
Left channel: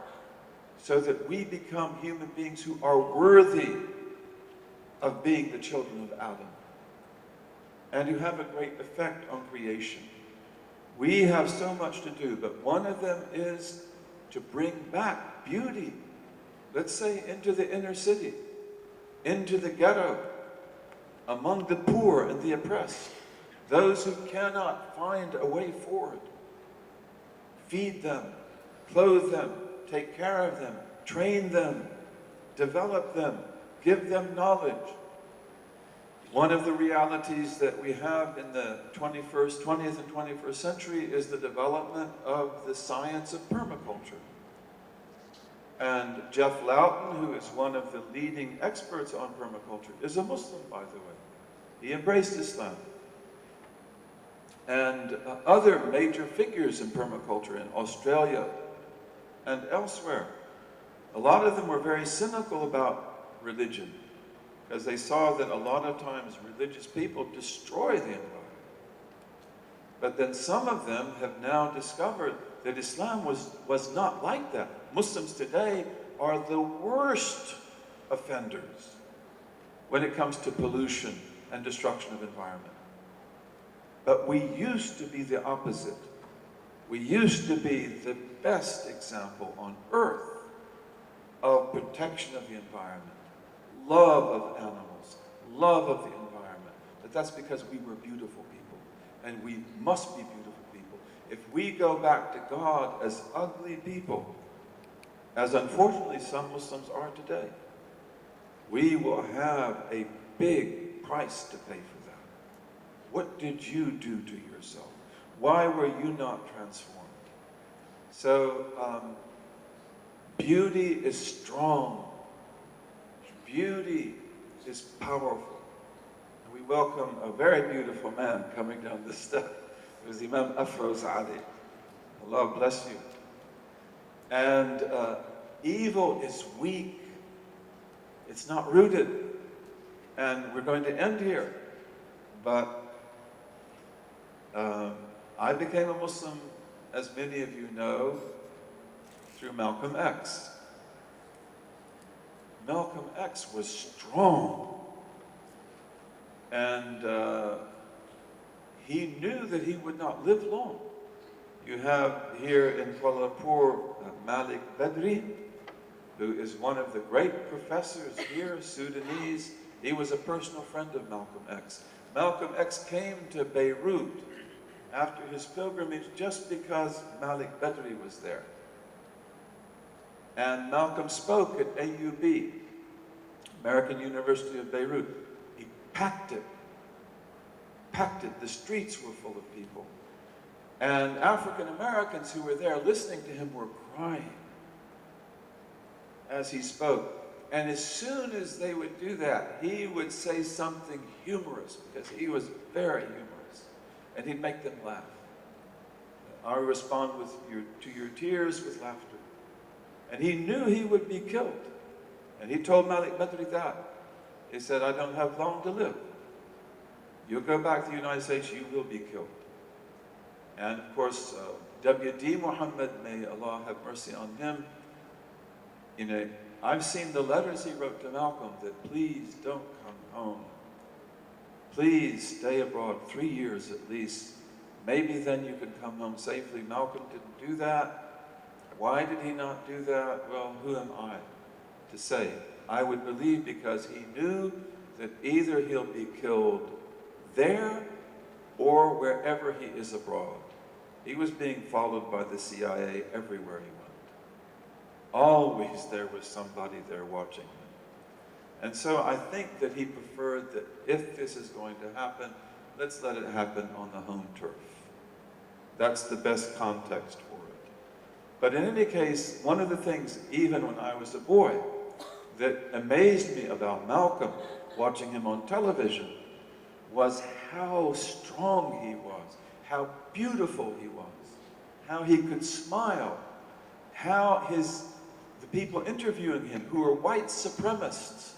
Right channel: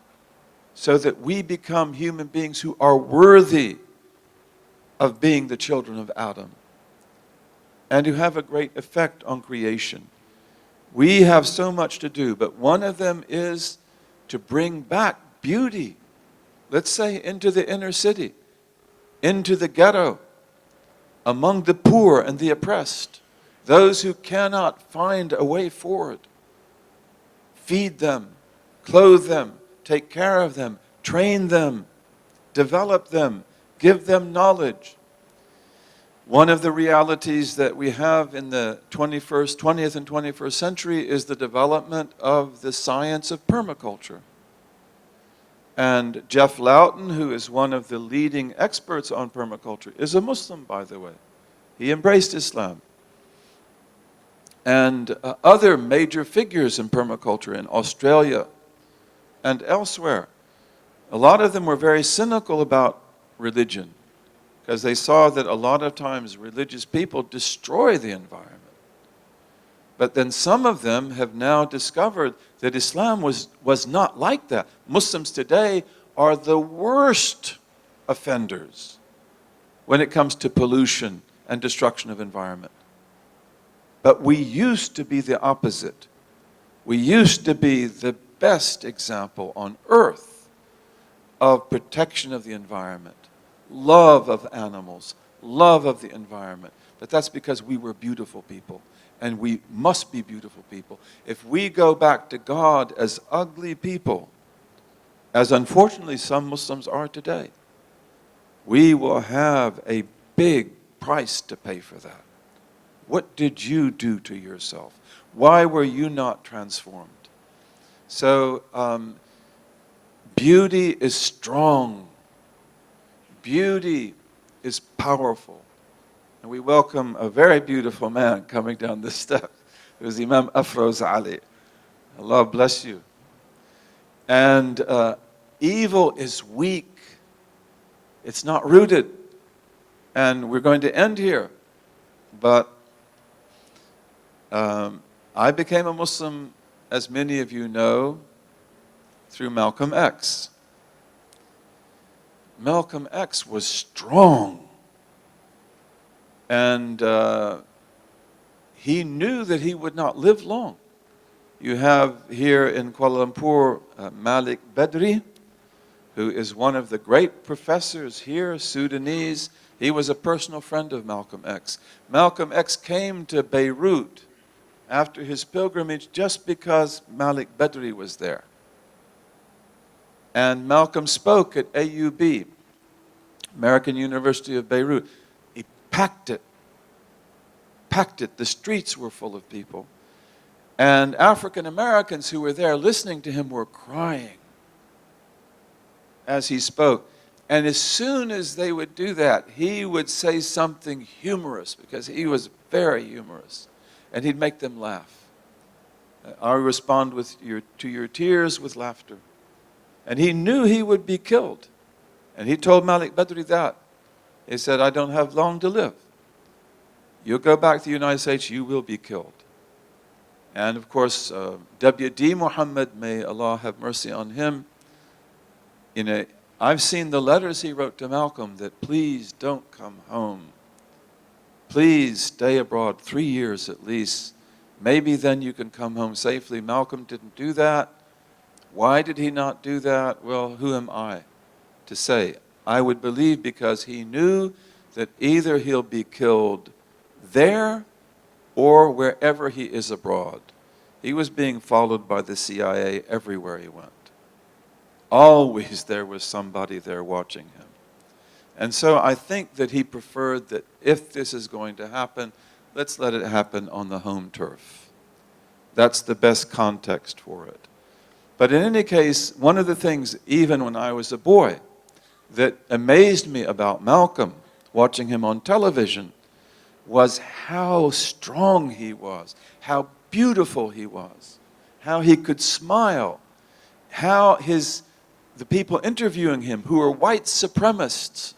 so that we become human beings who are worthy of being the children of Adam and who have a great effect on creation. We have so much to do, but one of them is to bring back beauty, let's say into the inner city, into the ghetto, among the poor and the oppressed, those who cannot find a way forward. Feed them, clothe them, take care of them, train them, develop them, give them knowledge, One of the realities that we have in the 20th and 21st century is the development of the science of permaculture. And Jeff Lawton, who is one of the leading experts on permaculture, is a Muslim, by the way. He embraced Islam. And other major figures in permaculture in Australia and elsewhere, a lot of them were very cynical about religion, because they saw that a lot of times religious people destroy the environment. But then some of them have now discovered that Islam was not like that. Muslims today are the worst offenders when it comes to pollution and destruction of environment. But we used to be the opposite. We used to be the best example on earth of protection of the environment, love of animals, love of the environment. But that's because we were beautiful people, and we must be beautiful people. If we go back to God as ugly people, as unfortunately some Muslims are today, we will have a big price to pay for that. What did you do to yourself? Why were you not transformed? So beauty is strong. Beauty is powerful. And we welcome a very beautiful man coming down this step. It was Imam Afroz Ali. Allah bless you. And evil is weak. It's not rooted. And we're going to end here. But I became a Muslim, as many of you know, through Malcolm X. Malcolm X was strong. And he knew that he would not live long. You have here in Kuala Lumpur Malik Badri, who is one of the great professors here, Sudanese. He was a personal friend of Malcolm X. Malcolm X came to Beirut after his pilgrimage just because Malik Badri was there. And Malcolm spoke at AUB, American University of Beirut. He packed it. The streets were full of people. And African Americans who were there listening to him were crying as he spoke. And as soon as they would do that, he would say something humorous, because he was very humorous. And he'd make them laugh. I respond to your tears with laughter. And he knew he would be killed. And he told Malik Badri that. He said, I don't have long to live. You'll go back to the United States, you will be killed. And of course, W.D. Muhammad, may Allah have mercy on him, I've seen the letters he wrote to Malcolm that please don't come home. Please stay abroad 3 years at least. Maybe then you can come home safely. Malcolm didn't do that. Why did he not do that? Well, who am I to say? I would believe because he knew that either he'll be killed there or wherever he is abroad. He was being followed by the CIA everywhere he went. Always there was somebody there watching him. And so I think that he preferred that if this is going to happen, let's let it happen on the home turf. That's the best context for it. But in any case, one of the things, even when I was a boy, that amazed me about Malcolm, watching him on television, was how strong he was, how beautiful he was, how he could smile, how the people interviewing him, who were white supremacists,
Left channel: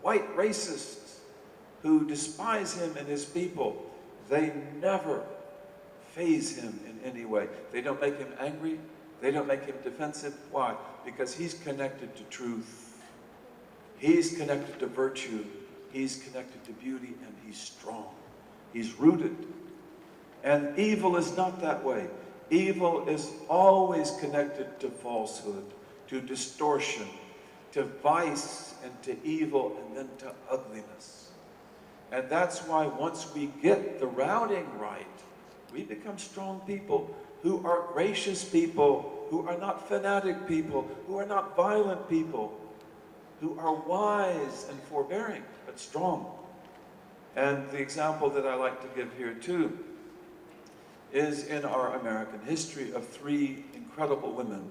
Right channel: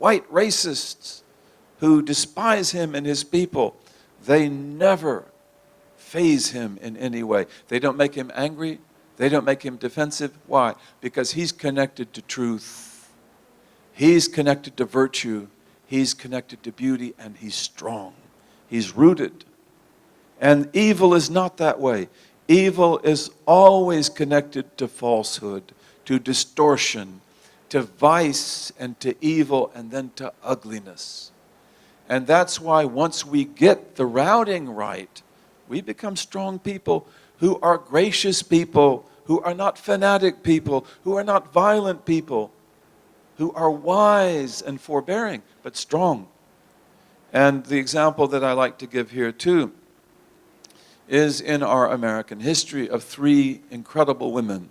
white racists, who despise him and his people, they never faze him in any way. They don't make him angry. They don't make him defensive. Why? Because he's connected to truth. He's connected to virtue. He's connected to beauty, and he's strong. He's rooted. And evil is not that way. Evil is always connected to falsehood, to distortion, to vice, and to evil, and then to ugliness. And that's why once we get the routing right, we become strong people who are gracious people, who are not fanatic people, who are not violent people, who are wise and forbearing, but strong. And the example that I like to give here too is in our American history of three incredible women.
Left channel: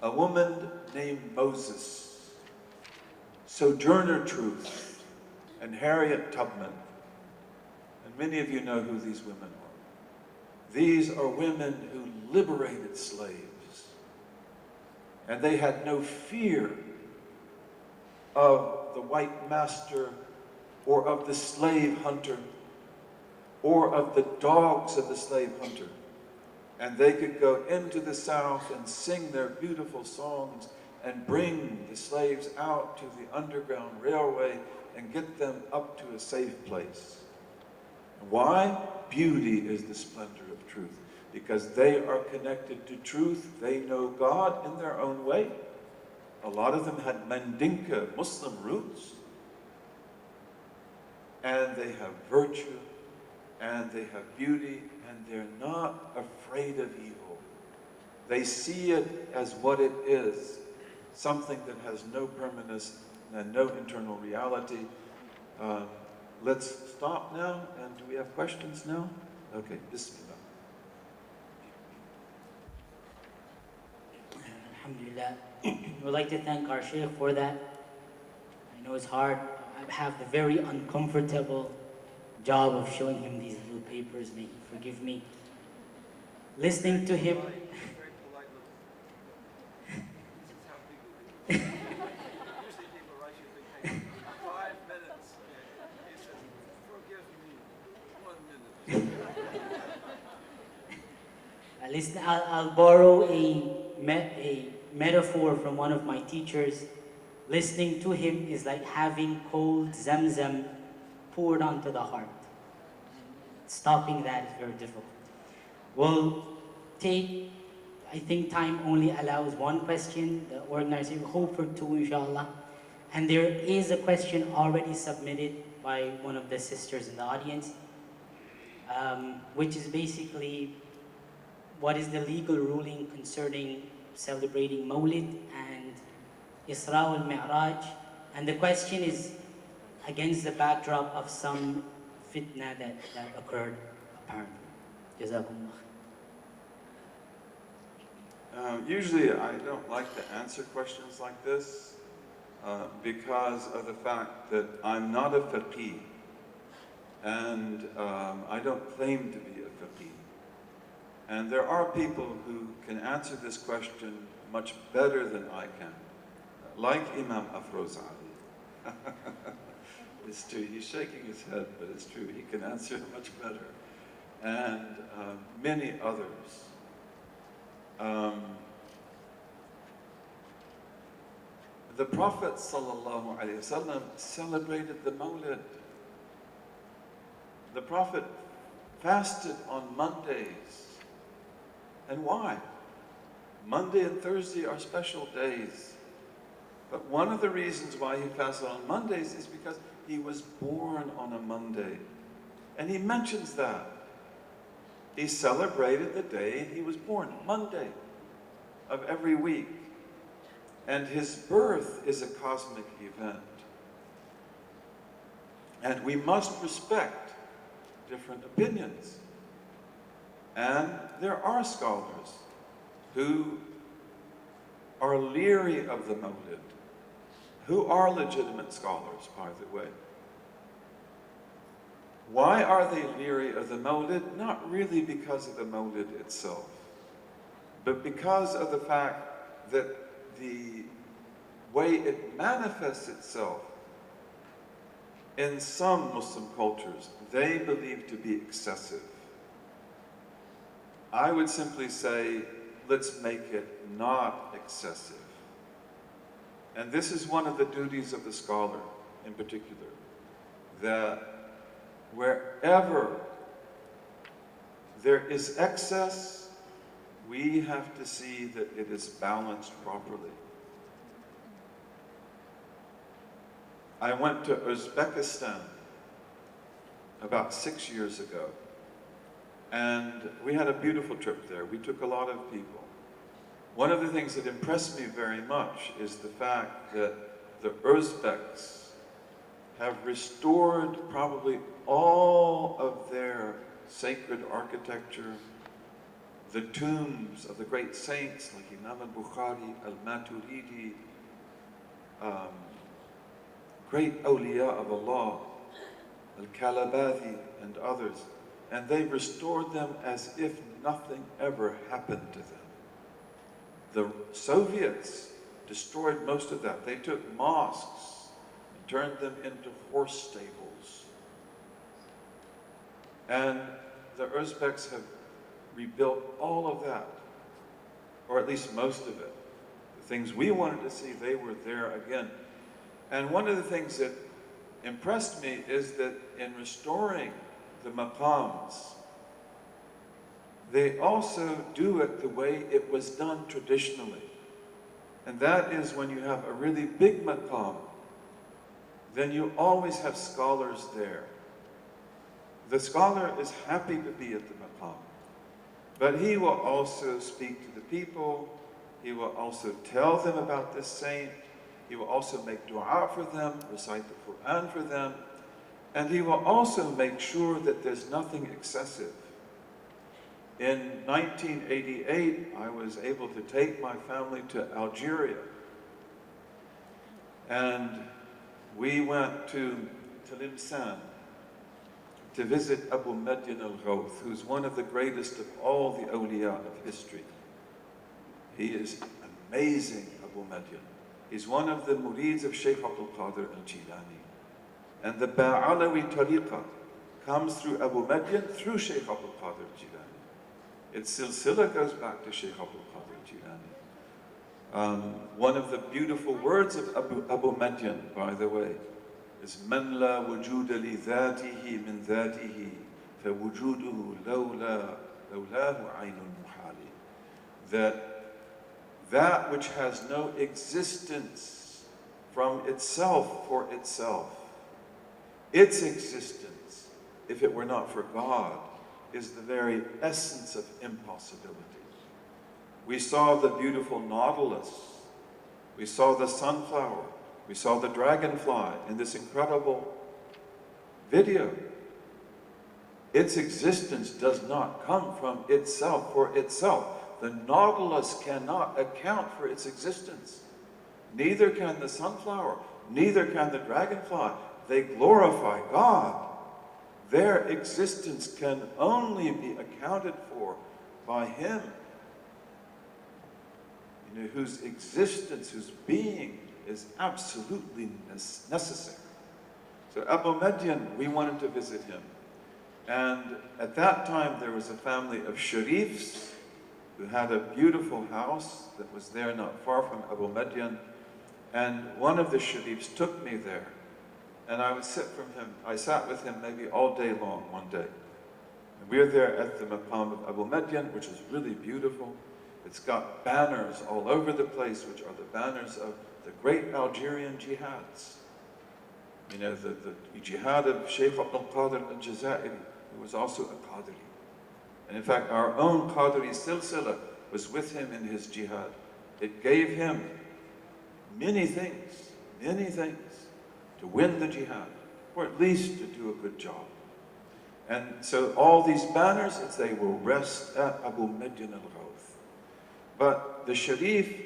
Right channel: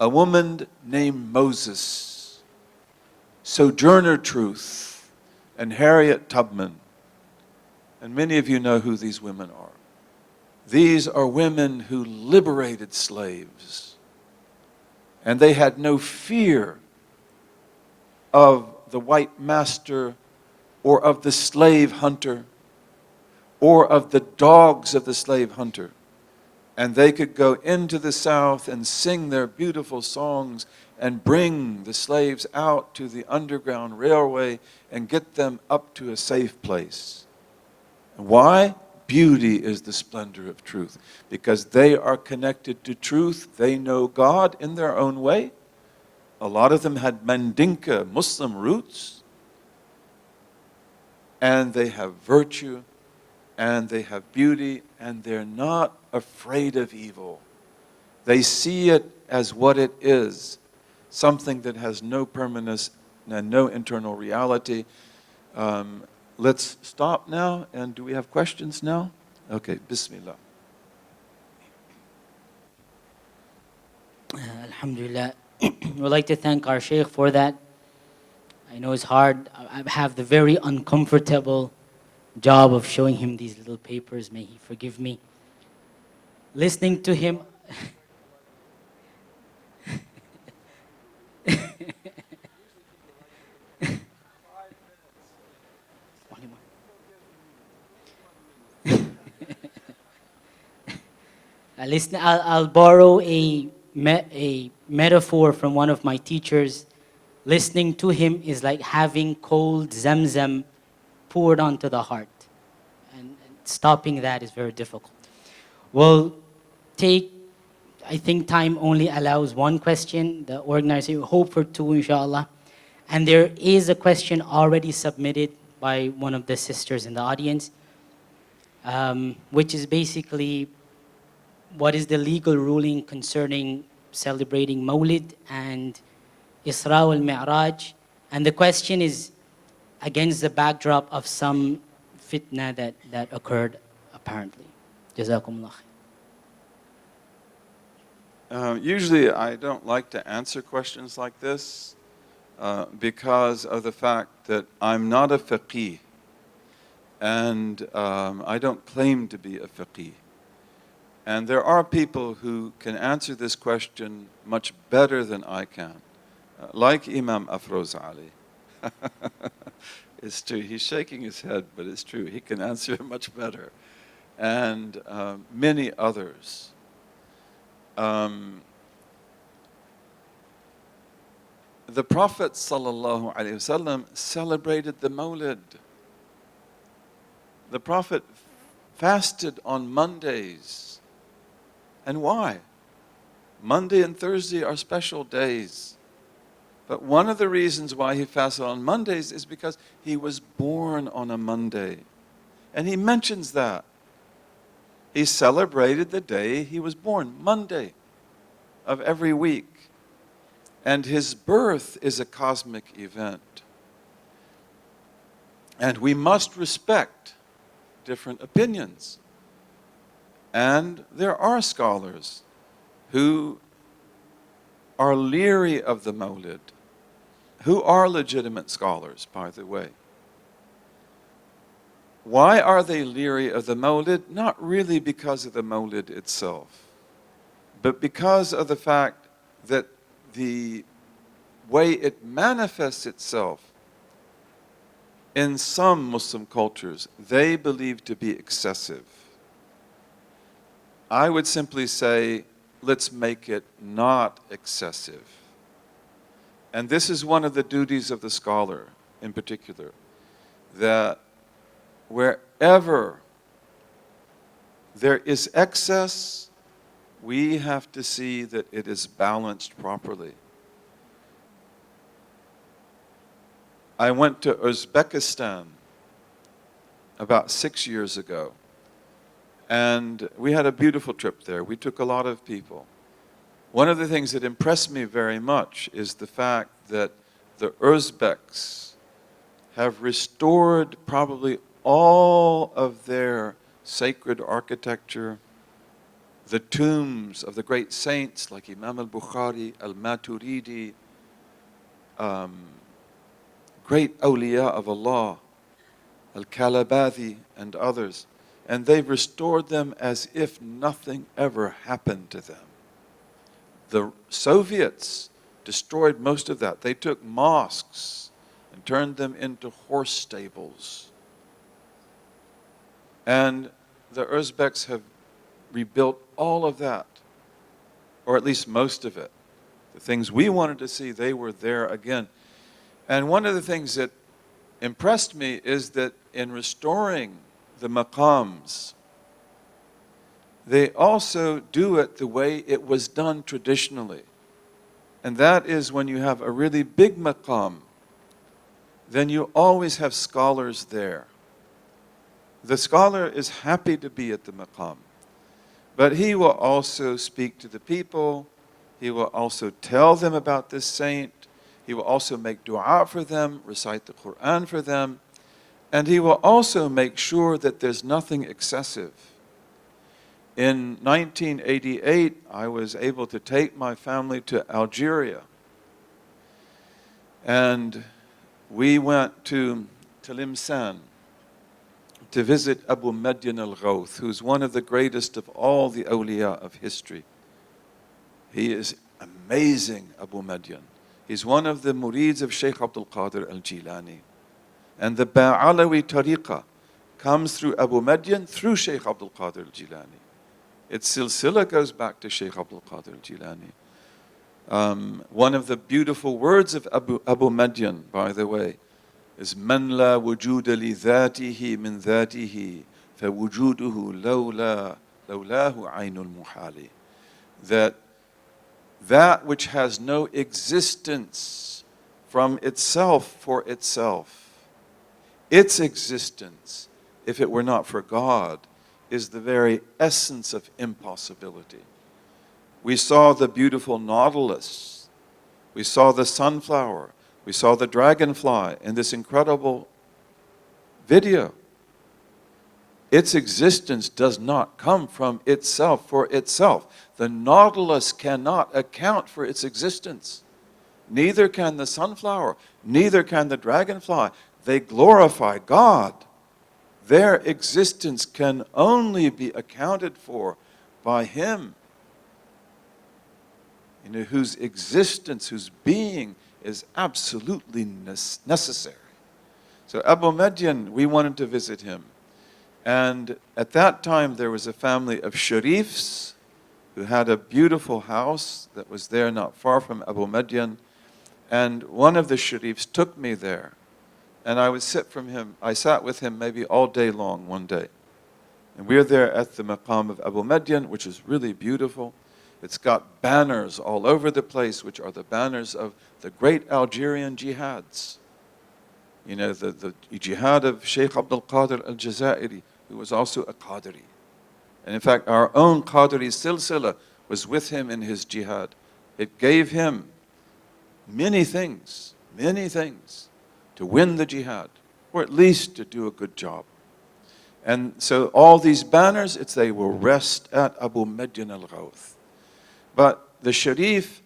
A woman named Moses, Sojourner Truth, and Harriet Tubman. And many of you know who these women are. These are women who liberated slaves. And they had no fear of the white master or of the slave hunter or of the dogs of the slave hunter. And they could go into the South and sing their beautiful songs and bring the slaves out to the Underground Railway and get them up to a safe place. Why? Beauty is the splendor of truth. Because they are connected to truth. They know God in their own way. A lot of them had Mandinka Muslim roots. And they have virtue, and they have beauty, and they're not afraid of evil. They see it as what it is, something that has no permanence and no internal reality. Let's stop now, and do we have questions now? Okay, Bismillah. Alhamdulillah. We'd like to thank our Shaykh for that. I know it's hard. I have the very uncomfortable job of showing him these little papers. May he forgive me. Listening to him. Listen, I'll borrow a metaphor from one of my teachers. Listening to him is like having cold Zamzam poured onto the heart. And stopping that is very difficult. We'll take, I think time only allows one question. The organizer hope for two, inshallah. And there is a question already submitted by one of the sisters in the audience, which is basically, what is the legal ruling concerning celebrating Mawlid and Isra al-Mi'raj? And the question is against the backdrop of some fitna that occurred, apparently. Jazakumullah. Usually I don't like to answer questions like this because of the fact that I'm not a faqih, and I don't claim to be a faqih. And there are people who can answer this question much better than I can, like Imam Afroz Ali. It's true, he's shaking his head, but it's true, he can answer it much better. And many others. The Prophet ﷺ celebrated the Mawlid. The Prophet fasted on Mondays. And why? Monday and Thursday are special days. But one of the reasons why he fasted on Mondays is because he was born on a Monday. And he mentions that. He celebrated the day he was born, Monday of every week. And his birth is a cosmic event. And we must respect different opinions. And there are scholars who are leery of the Mawlid, who are legitimate scholars, by the way. Why are they leery of the Mawlid? Not really because of the Mawlid itself, but because of the fact that the way it manifests itself in some Muslim cultures, they believe to be excessive. I would simply say, let's make it not excessive. And this is one of the duties of the scholar in particular, that wherever there is excess, we have to see that it is balanced properly. I went to Uzbekistan about 6 years ago. And we had a beautiful trip there. We took a lot of people. One of the things that impressed me very much is the fact that the Uzbeks have restored probably all of their sacred architecture, the tombs of the great saints like Imam al-Bukhari, al-Maturidi, great awliya of Allah, al-Kalabathi and others. And they restored them as if nothing ever happened to them. The Soviets destroyed most of that. They took mosques and turned them into horse stables. And the Uzbeks have rebuilt all of that, or at least most of it. The things we wanted to see, they were there again. And one of the things that impressed me is that in restoring the maqams, they also do it the way it was done traditionally. And that is when you have a really big maqam, then you always have scholars there. The scholar is happy to be at the maqam, but he will also speak to the people, he will also tell them about this saint, he will also make dua for them, recite the Quran for them, and he will also make sure that there's nothing excessive. In 1988, I was able to take my family to Algeria. And we went to Tlemcen to visit Abu Madyan al-Ghawth, who's one of the greatest of all the awliya of history. He is amazing, Abu Madyan. He's one of the murids of Shaykh Abdul Qadir al-Jilani. And the Ba'alawi tariqah comes through Abu Madyan, through Shaykh Abdul Qadir al-Jilani. Its silsila goes back to Shaykh Abdul Qadir al-Jilani. One of the beautiful words of Abu Madyan, by the way, is "Man la wujuda li dhatihi min dhatihi, fa wujuduhu lawlahu aynul muhali." That which has no existence from itself for itself, its existence, if it were not for God, is the very essence of impossibility. We saw the beautiful nautilus, we saw the sunflower, we saw the dragonfly in this incredible video. Its existence does not come from itself for itself. The nautilus cannot account for its existence. Neither can the sunflower, neither can the dragonfly. They glorify God. Their existence can only be accounted for by Him, whose existence, whose being is absolutely necessary. So Abu Madyan, we wanted to visit him. And at that time, there was a family of sharifs who had a beautiful house that was there not far from Abu Madyan. And one of the sharifs took me there. And I sat with him maybe all day long one day. And we were there at the maqam of Abu Madyan, which is really beautiful. It's got banners all over the place, which are the banners of the great Algerian jihads. The jihad of Shaykh Abdul Qadir al-Jazairi, who was also a Qadiri. And in fact, our own Qadiri silsila was with him in his jihad. It gave him many things to win the jihad, or at least to do a good job. And so all these banners, they will rest at Abu Madyan al-Ghawth. But the Sharif,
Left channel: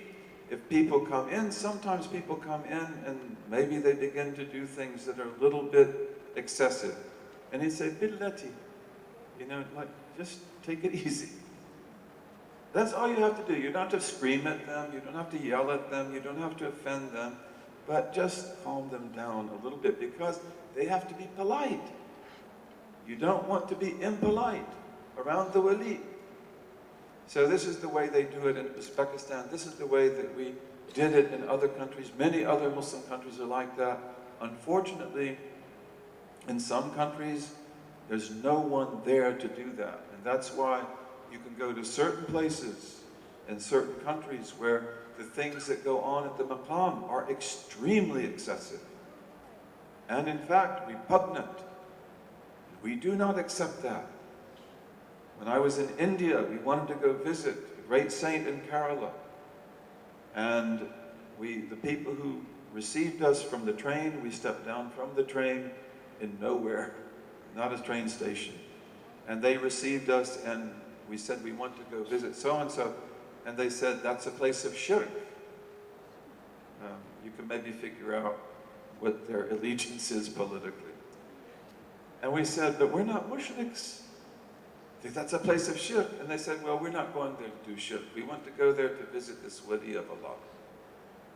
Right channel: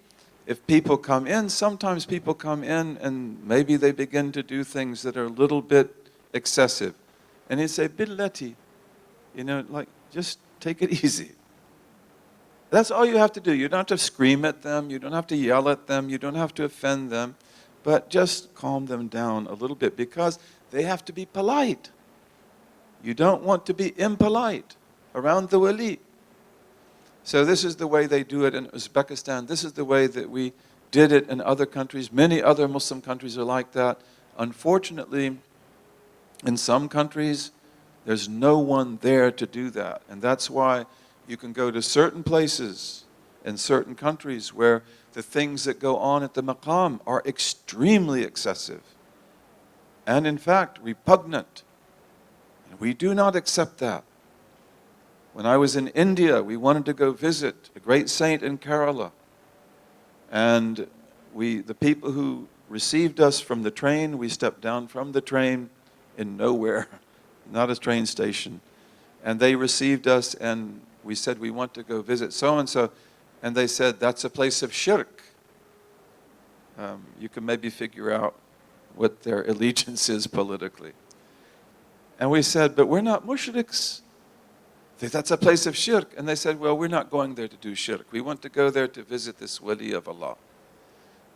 if people come in, sometimes people come in and maybe they begin to do things that are a little bit excessive. And he'd say, Billati, just take it easy. That's all you have to do. You don't have to scream at them, you don't have to yell at them, you don't have to offend them, but just calm them down a little bit, because they have to be polite. You don't want to be impolite around the wali. So this is the way they do it in Uzbekistan. This is the way that we did it in other countries. Many other Muslim countries are like that. Unfortunately, in some countries, there's no one there to do that. And that's why you can go to certain places in certain countries where the things that go on at the maqam are extremely excessive. And in fact, repugnant. We do not accept that. When I was in India, we wanted to go visit a great saint in Kerala. And the people who received us from the train. We stepped down from the train in nowhere, not a train station. And they received us, and we said, we want to go visit so-and-so. And they said, that's a place of shirk. You can maybe figure out what their allegiance is politically. And we said, but we're not mushriks. That's a place of shirk. And they said, well, we're not going there to do shirk. We want to go there to visit this wali of Allah.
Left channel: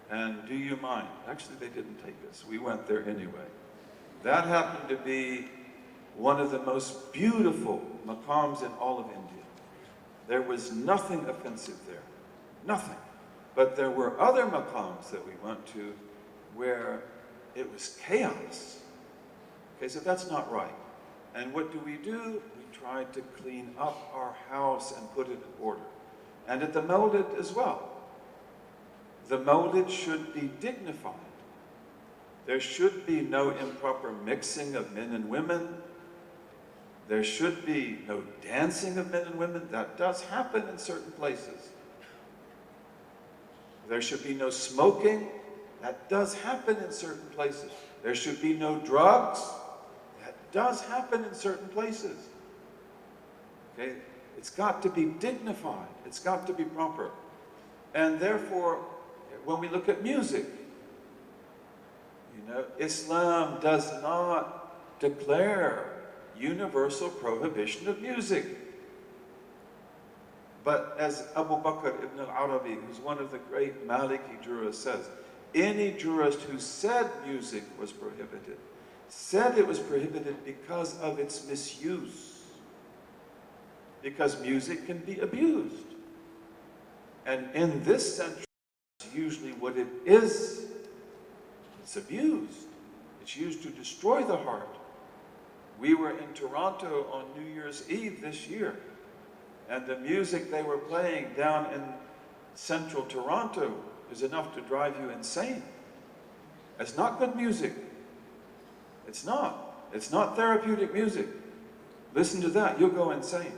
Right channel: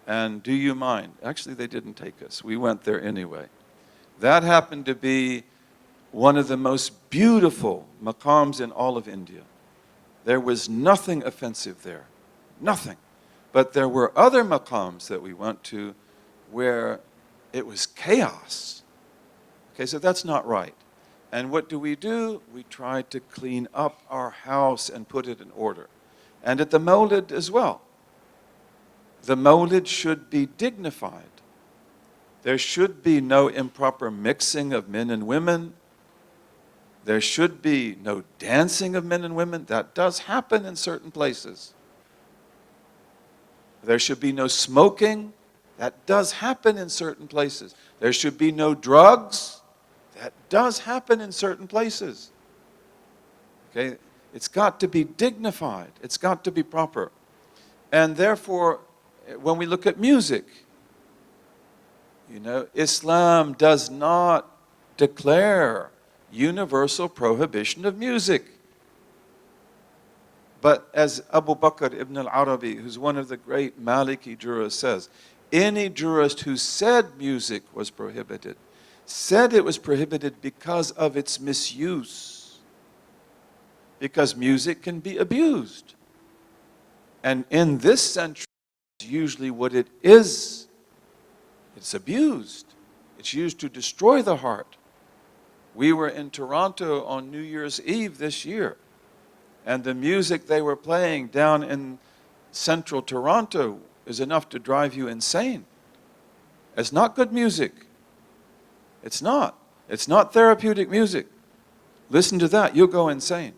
And do you mind? Actually, they didn't take us. We went there anyway. That happened to be one of the most beautiful maqams in all of India. There was nothing offensive there. Nothing. But there were other maqams that we went to where it was chaos. Okay, so that's not right. And what do? We try to clean up our house and put it in order. And at the Mawlid as well. The Mawlid should be dignified. There should be no improper mixing of men and women. There should be no dancing of men and women. That does happen in certain places. There should be no smoking. That does happen in certain places. There should be no drugs. That does happen in certain places. Okay? It's got to be dignified. It's got to be proper. And therefore, when we look at music, Islam does not declare universal prohibition of music. But as Abu Bakr ibn al-Arabi, who's one of the great Maliki jurists, says, any jurist who said music was prohibited, said it was prohibited because of its misuse. Because music can be abused. And in this century, usually what it is, it's abused. It's used to destroy the heart. We were in Toronto on New Year's Eve this year, and the music they were playing down in central Toronto is enough to drive you insane. It's not good music. It's not. It's not therapeutic music. Listen to that, you'll go insane.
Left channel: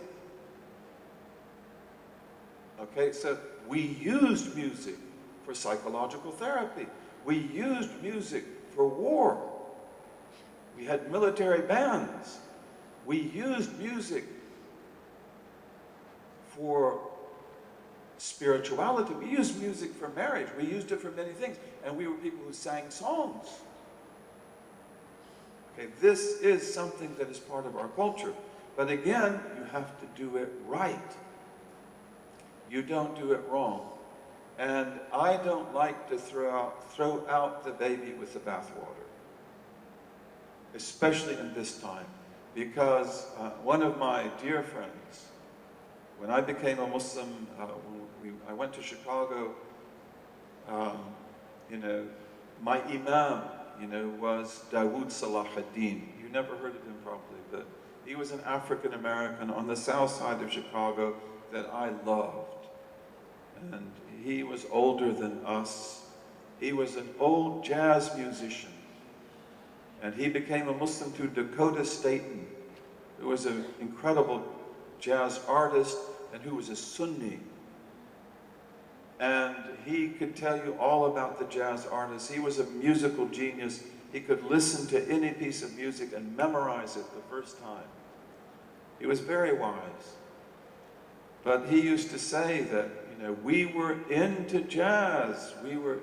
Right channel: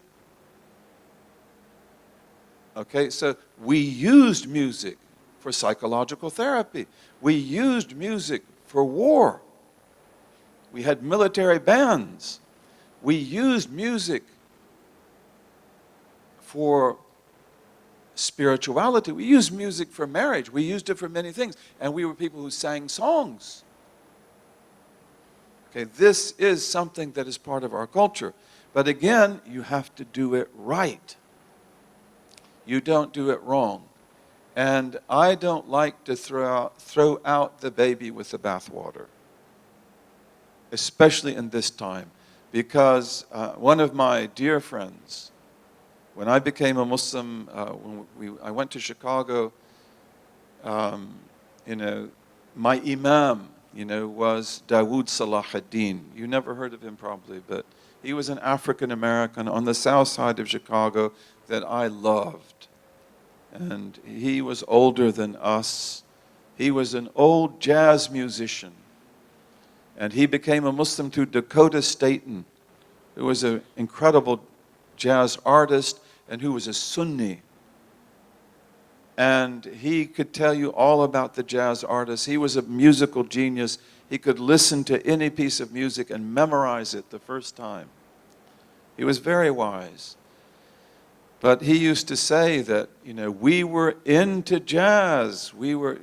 Okay, so we used music for psychological therapy. We used music for war. We had military bands. We used music for spirituality. We used music for marriage. We used it for many things. And we were people who sang songs. Okay, this is something that is part of our culture. But again, you have to do it right. You don't do it wrong. And I don't like to throw out the baby with the bathwater, especially in this time, because one of my dear friends, when I became a Muslim, I went to Chicago, my imam, was Dawood Salah ad-Din. You never heard of him probably, but he was an African American on the south side of Chicago that I loved. And he was older than us. He was an old jazz musician. And he became a Muslim through Dakota Staton, who was an incredible jazz artist and who was a Sunni. And he could tell you all about the jazz artists. He was a musical genius. He could listen to any piece of music and memorize it the first time. He was very wise. But he used to say that, we were into jazz.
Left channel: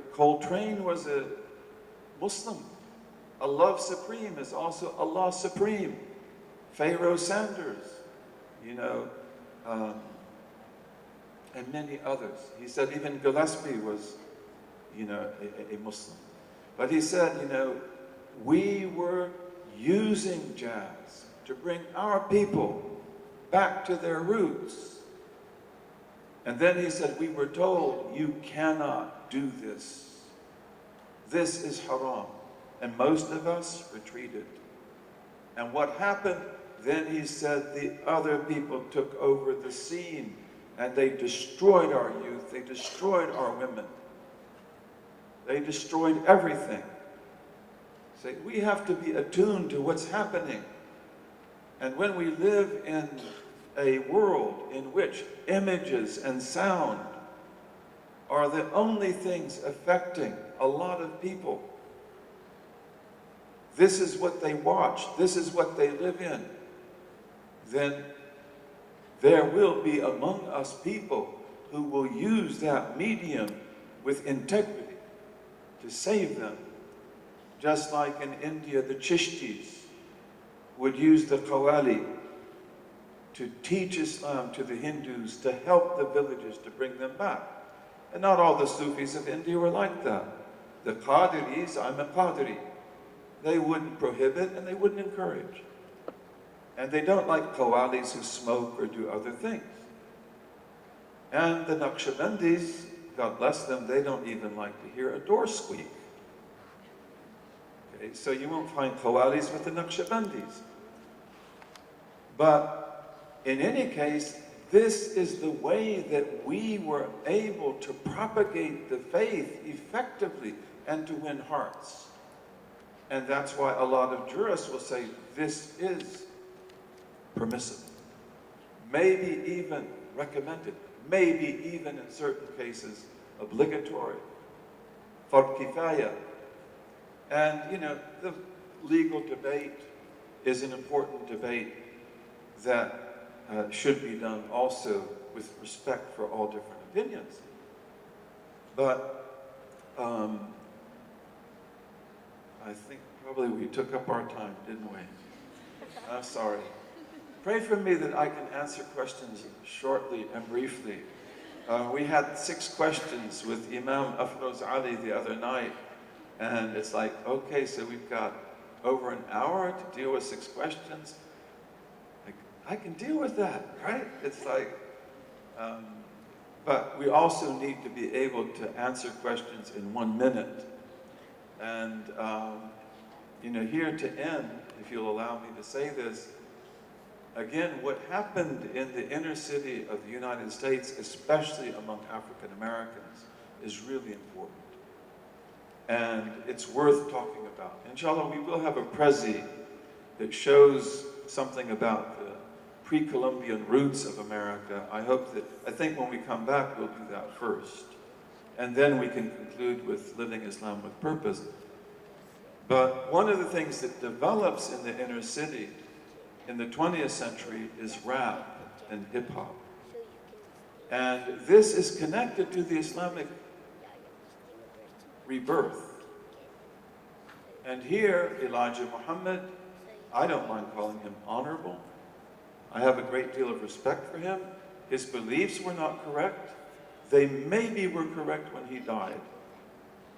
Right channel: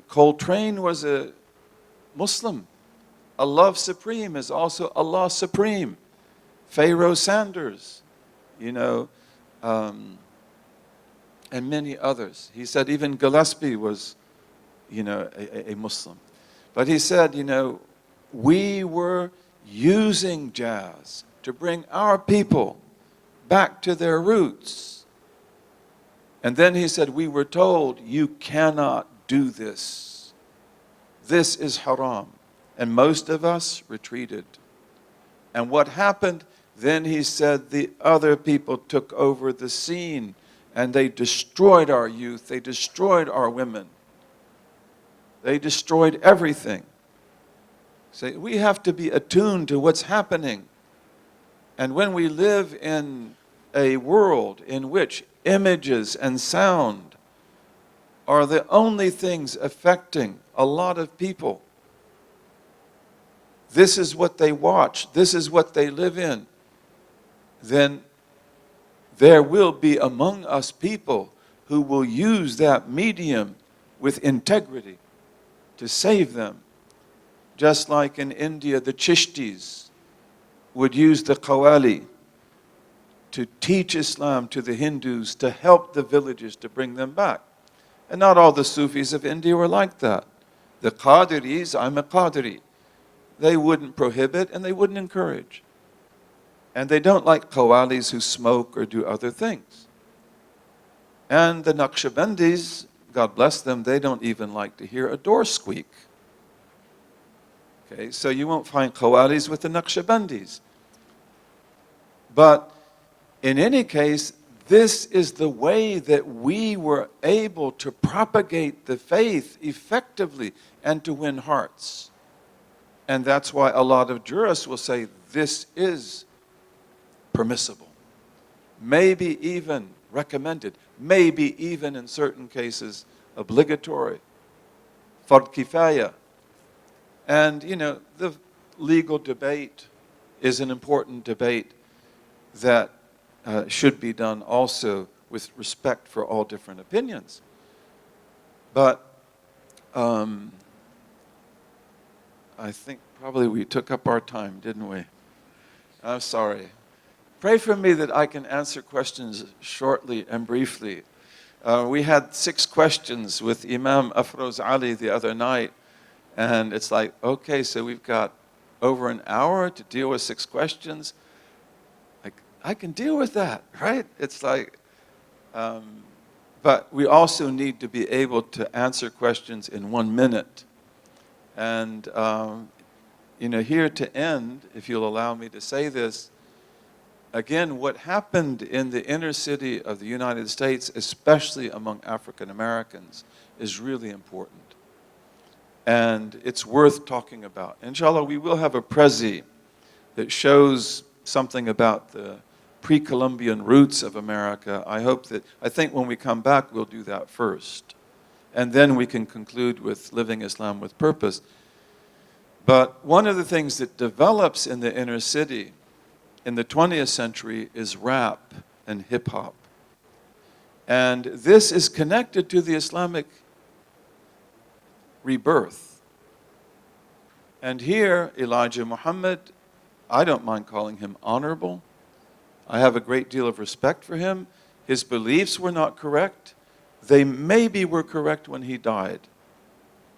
Coltrane was a Muslim. Allah Supreme is also Allah Supreme. Pharaoh Sanders, and many others. He said even Gillespie was, a Muslim. But he said, we were using jazz to bring our people back to their roots. And then he said, we were told, you cannot do this. This is haram. And most of us retreated. And what happened? Then he said, the other people took over the scene and they destroyed our youth. They destroyed our women. They destroyed everything. So we have to be attuned to what's happening. And when we live in a world in which images and sound are the only things affecting a lot of people, this is what they watch, this is what they live in, then there will be among us people who will use that medium with integrity to save them. Just like in India, the Chishtis would use the Qawwali to teach Islam to the Hindus, to help the villages, to bring them back. And not all the Sufis of India were like that. The Qadiris, I'm a Qadiri. They wouldn't prohibit and they wouldn't encourage. And they don't like Qawwalis who smoke or do other things. And the Naqshbandis, God bless them, they don't even like to hear a door squeak. Okay, so you won't find Qawwalis with the Naqshbandis. But in any case, this is the way that we were able to propagate the faith effectively and to win hearts. And that's why a lot of jurists will say this is permissible, maybe even recommended, maybe even in certain cases obligatory, fard kifaya. And you know, the legal debate is an important debate that should be done also with respect for all different opinions. But I think probably we took up our time, didn't we? I'm sorry. Pray for me that I can answer questions shortly and briefly. We had 6 questions with Imam Afroz Ali the other night, and it's like, okay, so we've got over an hour to deal with 6 questions. I can deal with that, right? It's like, but we also need to be able to answer questions in 1 minute. And, you know, here to end, if you'll allow me to say this, again, what happened in the inner city of the United States, especially among African Americans, is really important. And it's worth talking about. Inshallah, we will have a prezi that shows something about the pre-Columbian roots of America. I think when we come back, we'll do that first. And then we can conclude with living Islam with purpose. But one of the things that develops in the inner city in the 20th century is rap and hip hop. And this is connected to the Islamic rebirth. And here, Elijah Muhammad, I don't mind calling him honorable. I have a great deal of respect for him. His beliefs were not correct. They maybe were correct when he died.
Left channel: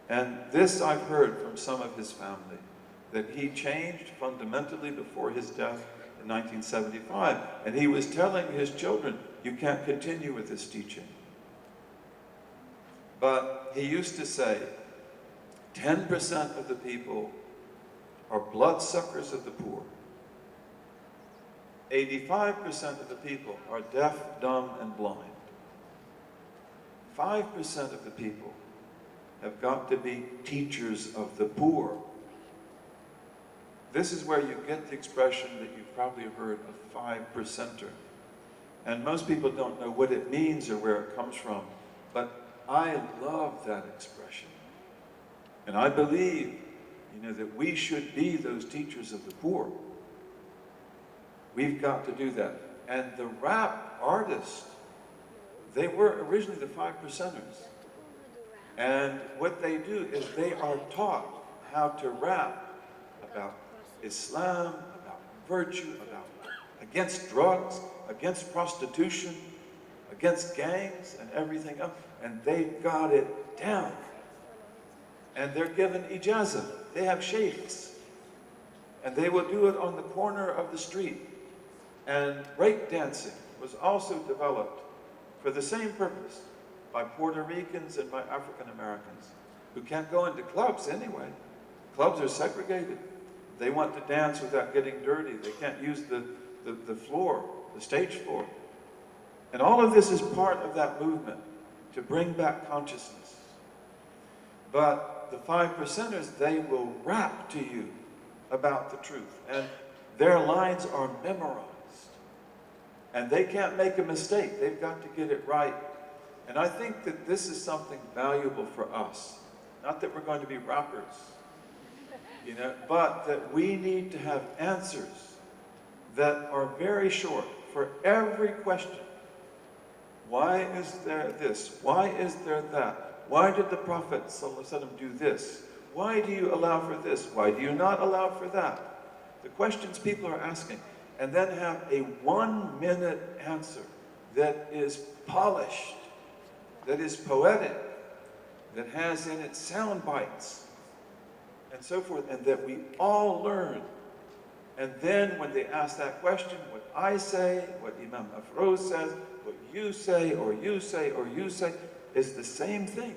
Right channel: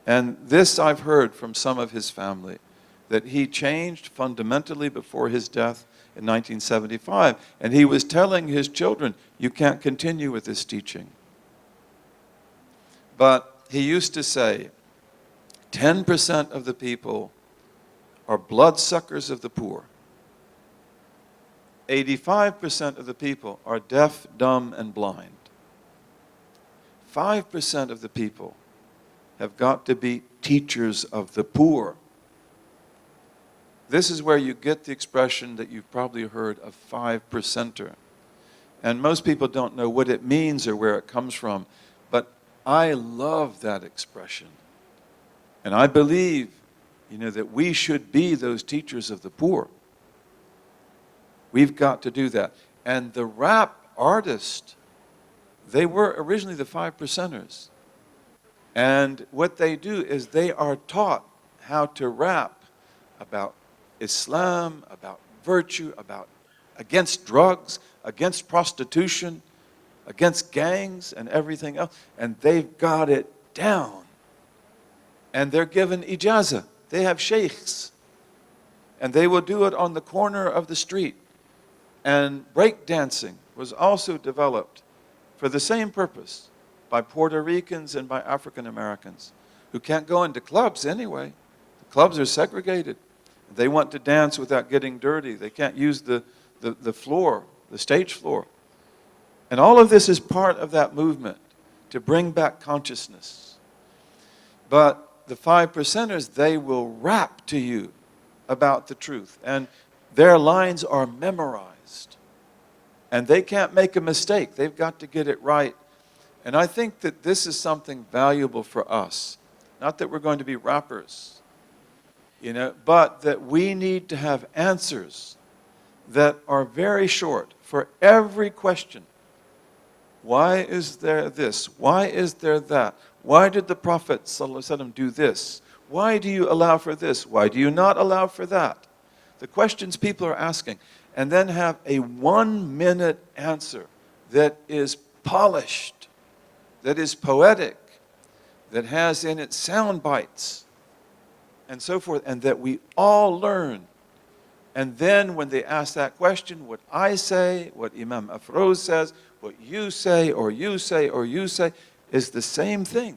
And this I've heard from some of his family, that he changed fundamentally before his death in 1975. And he was telling his children, you can't continue with this teaching. But he used to say, 10% of the people are bloodsuckers of the poor. 85% of the people are deaf, dumb, and blind. 5% of the people have got to be teachers of the poor. This is where you get the expression that you've probably heard of 5%er. And most people don't know what it means or where it comes from. But I love that expression. And I believe, you know, that we should be those teachers of the poor. We've got to do that. And the rap artists, they were originally the 5%ers. And what they do is they are taught how to rap about Islam, about virtue, about against drugs, against prostitution, against gangs and everything else. And they've got it down. And they're given ijazah. They have sheikhs. And they will do it on the corner of the street. And breakdancing was also developed for the same purpose by Puerto Ricans and by African Americans who can't go into clubs anyway. Clubs are segregated. They want to dance without getting dirty. They can't use the floor, the stage floor. And all of this is part of that movement to bring back consciousness. But the 5%ers, they will rap to you about the truth. And their lines are memorized. And they can't make a mistake. They've got to get it right. And I think that this is something valuable for us. Not that we're going to be rappers, but that we need to have answers that are very short for every question. Why is there this? Why is there that? Why did the Prophet ﷺ do this? Why do you allow for this? Why do you not allow for that? The questions people are asking. And then have a 1-minute answer that is polished, that is poetic, that has in it sound bites, and so forth, and that we all learn. And then when they ask that question, what I say, what Imam Afroz says, what you say, or you say, or you say, is the same thing.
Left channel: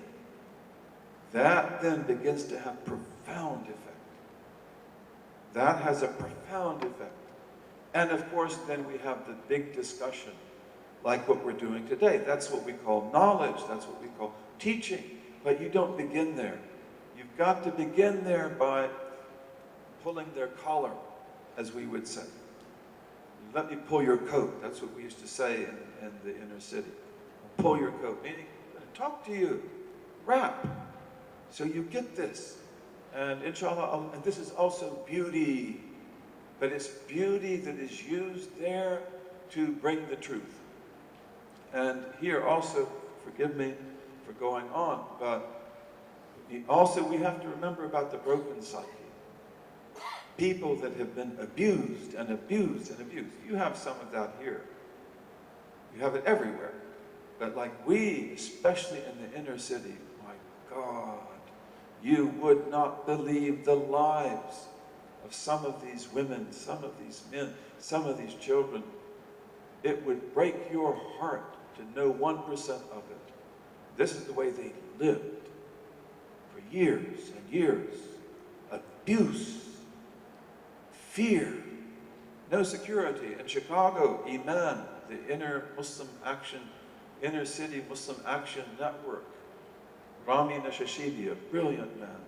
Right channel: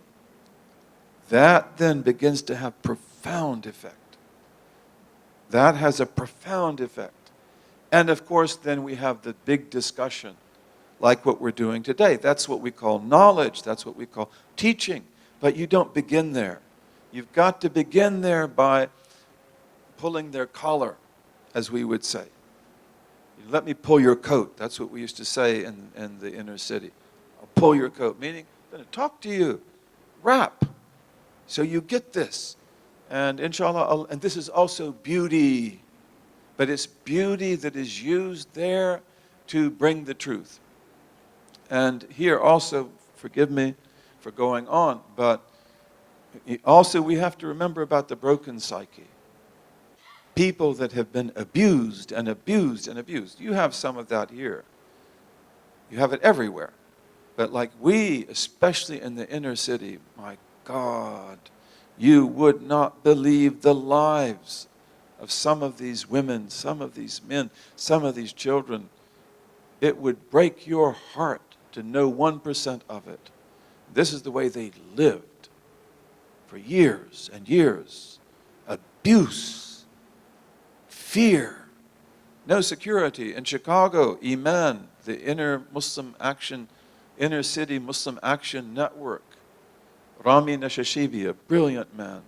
That then begins to have profound effect. That has a profound effect. And of course, then we have the big discussion, like what we're doing today. That's what we call knowledge. That's what we call teaching. But you don't begin there. You've got to begin there by pulling their collar, as we would say. Let me pull your coat. That's what we used to say in the inner city. Pull your coat, meaning talk to you, rap, so you get this. And inshallah, and this is also beauty, but it's beauty that is used there to bring the truth. And here also, forgive me for going on, but also we have to remember about the broken psyche. People that have been abused and abused and abused. You have some of that here. You have it everywhere. But like we, especially in the inner city, my God, you would not believe the lives of some of these women, some of these men, some of these children. It would break your heart to know 1% of it. This is the way they lived for years and years. Abuse, fear, no security. In Chicago, Iman, the inner city Muslim Action Network, Rami Nashashibi, a brilliant man.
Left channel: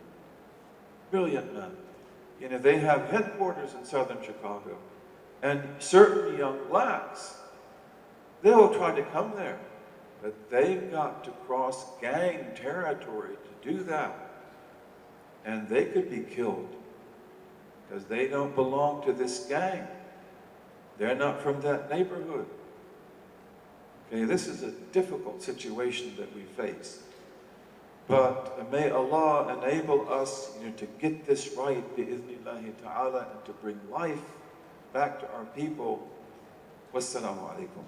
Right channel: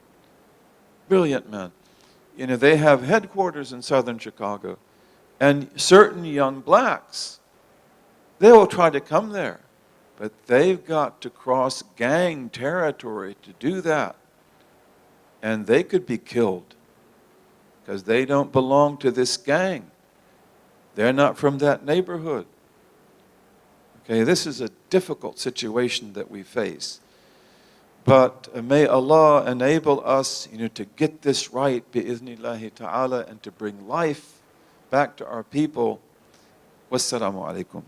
Brilliant man. They have headquarters in southern Chicago. And certain young blacks, they will try to come there. But they've got to cross gang territory to do that. And they could be killed because they don't belong to this gang. They're not from that neighborhood. Okay, this is a difficult situation that we face. But may Allah enable us, to get this right, bi'iznillahi ta'ala, and to bring life back to our people. Wassalamu alaikum.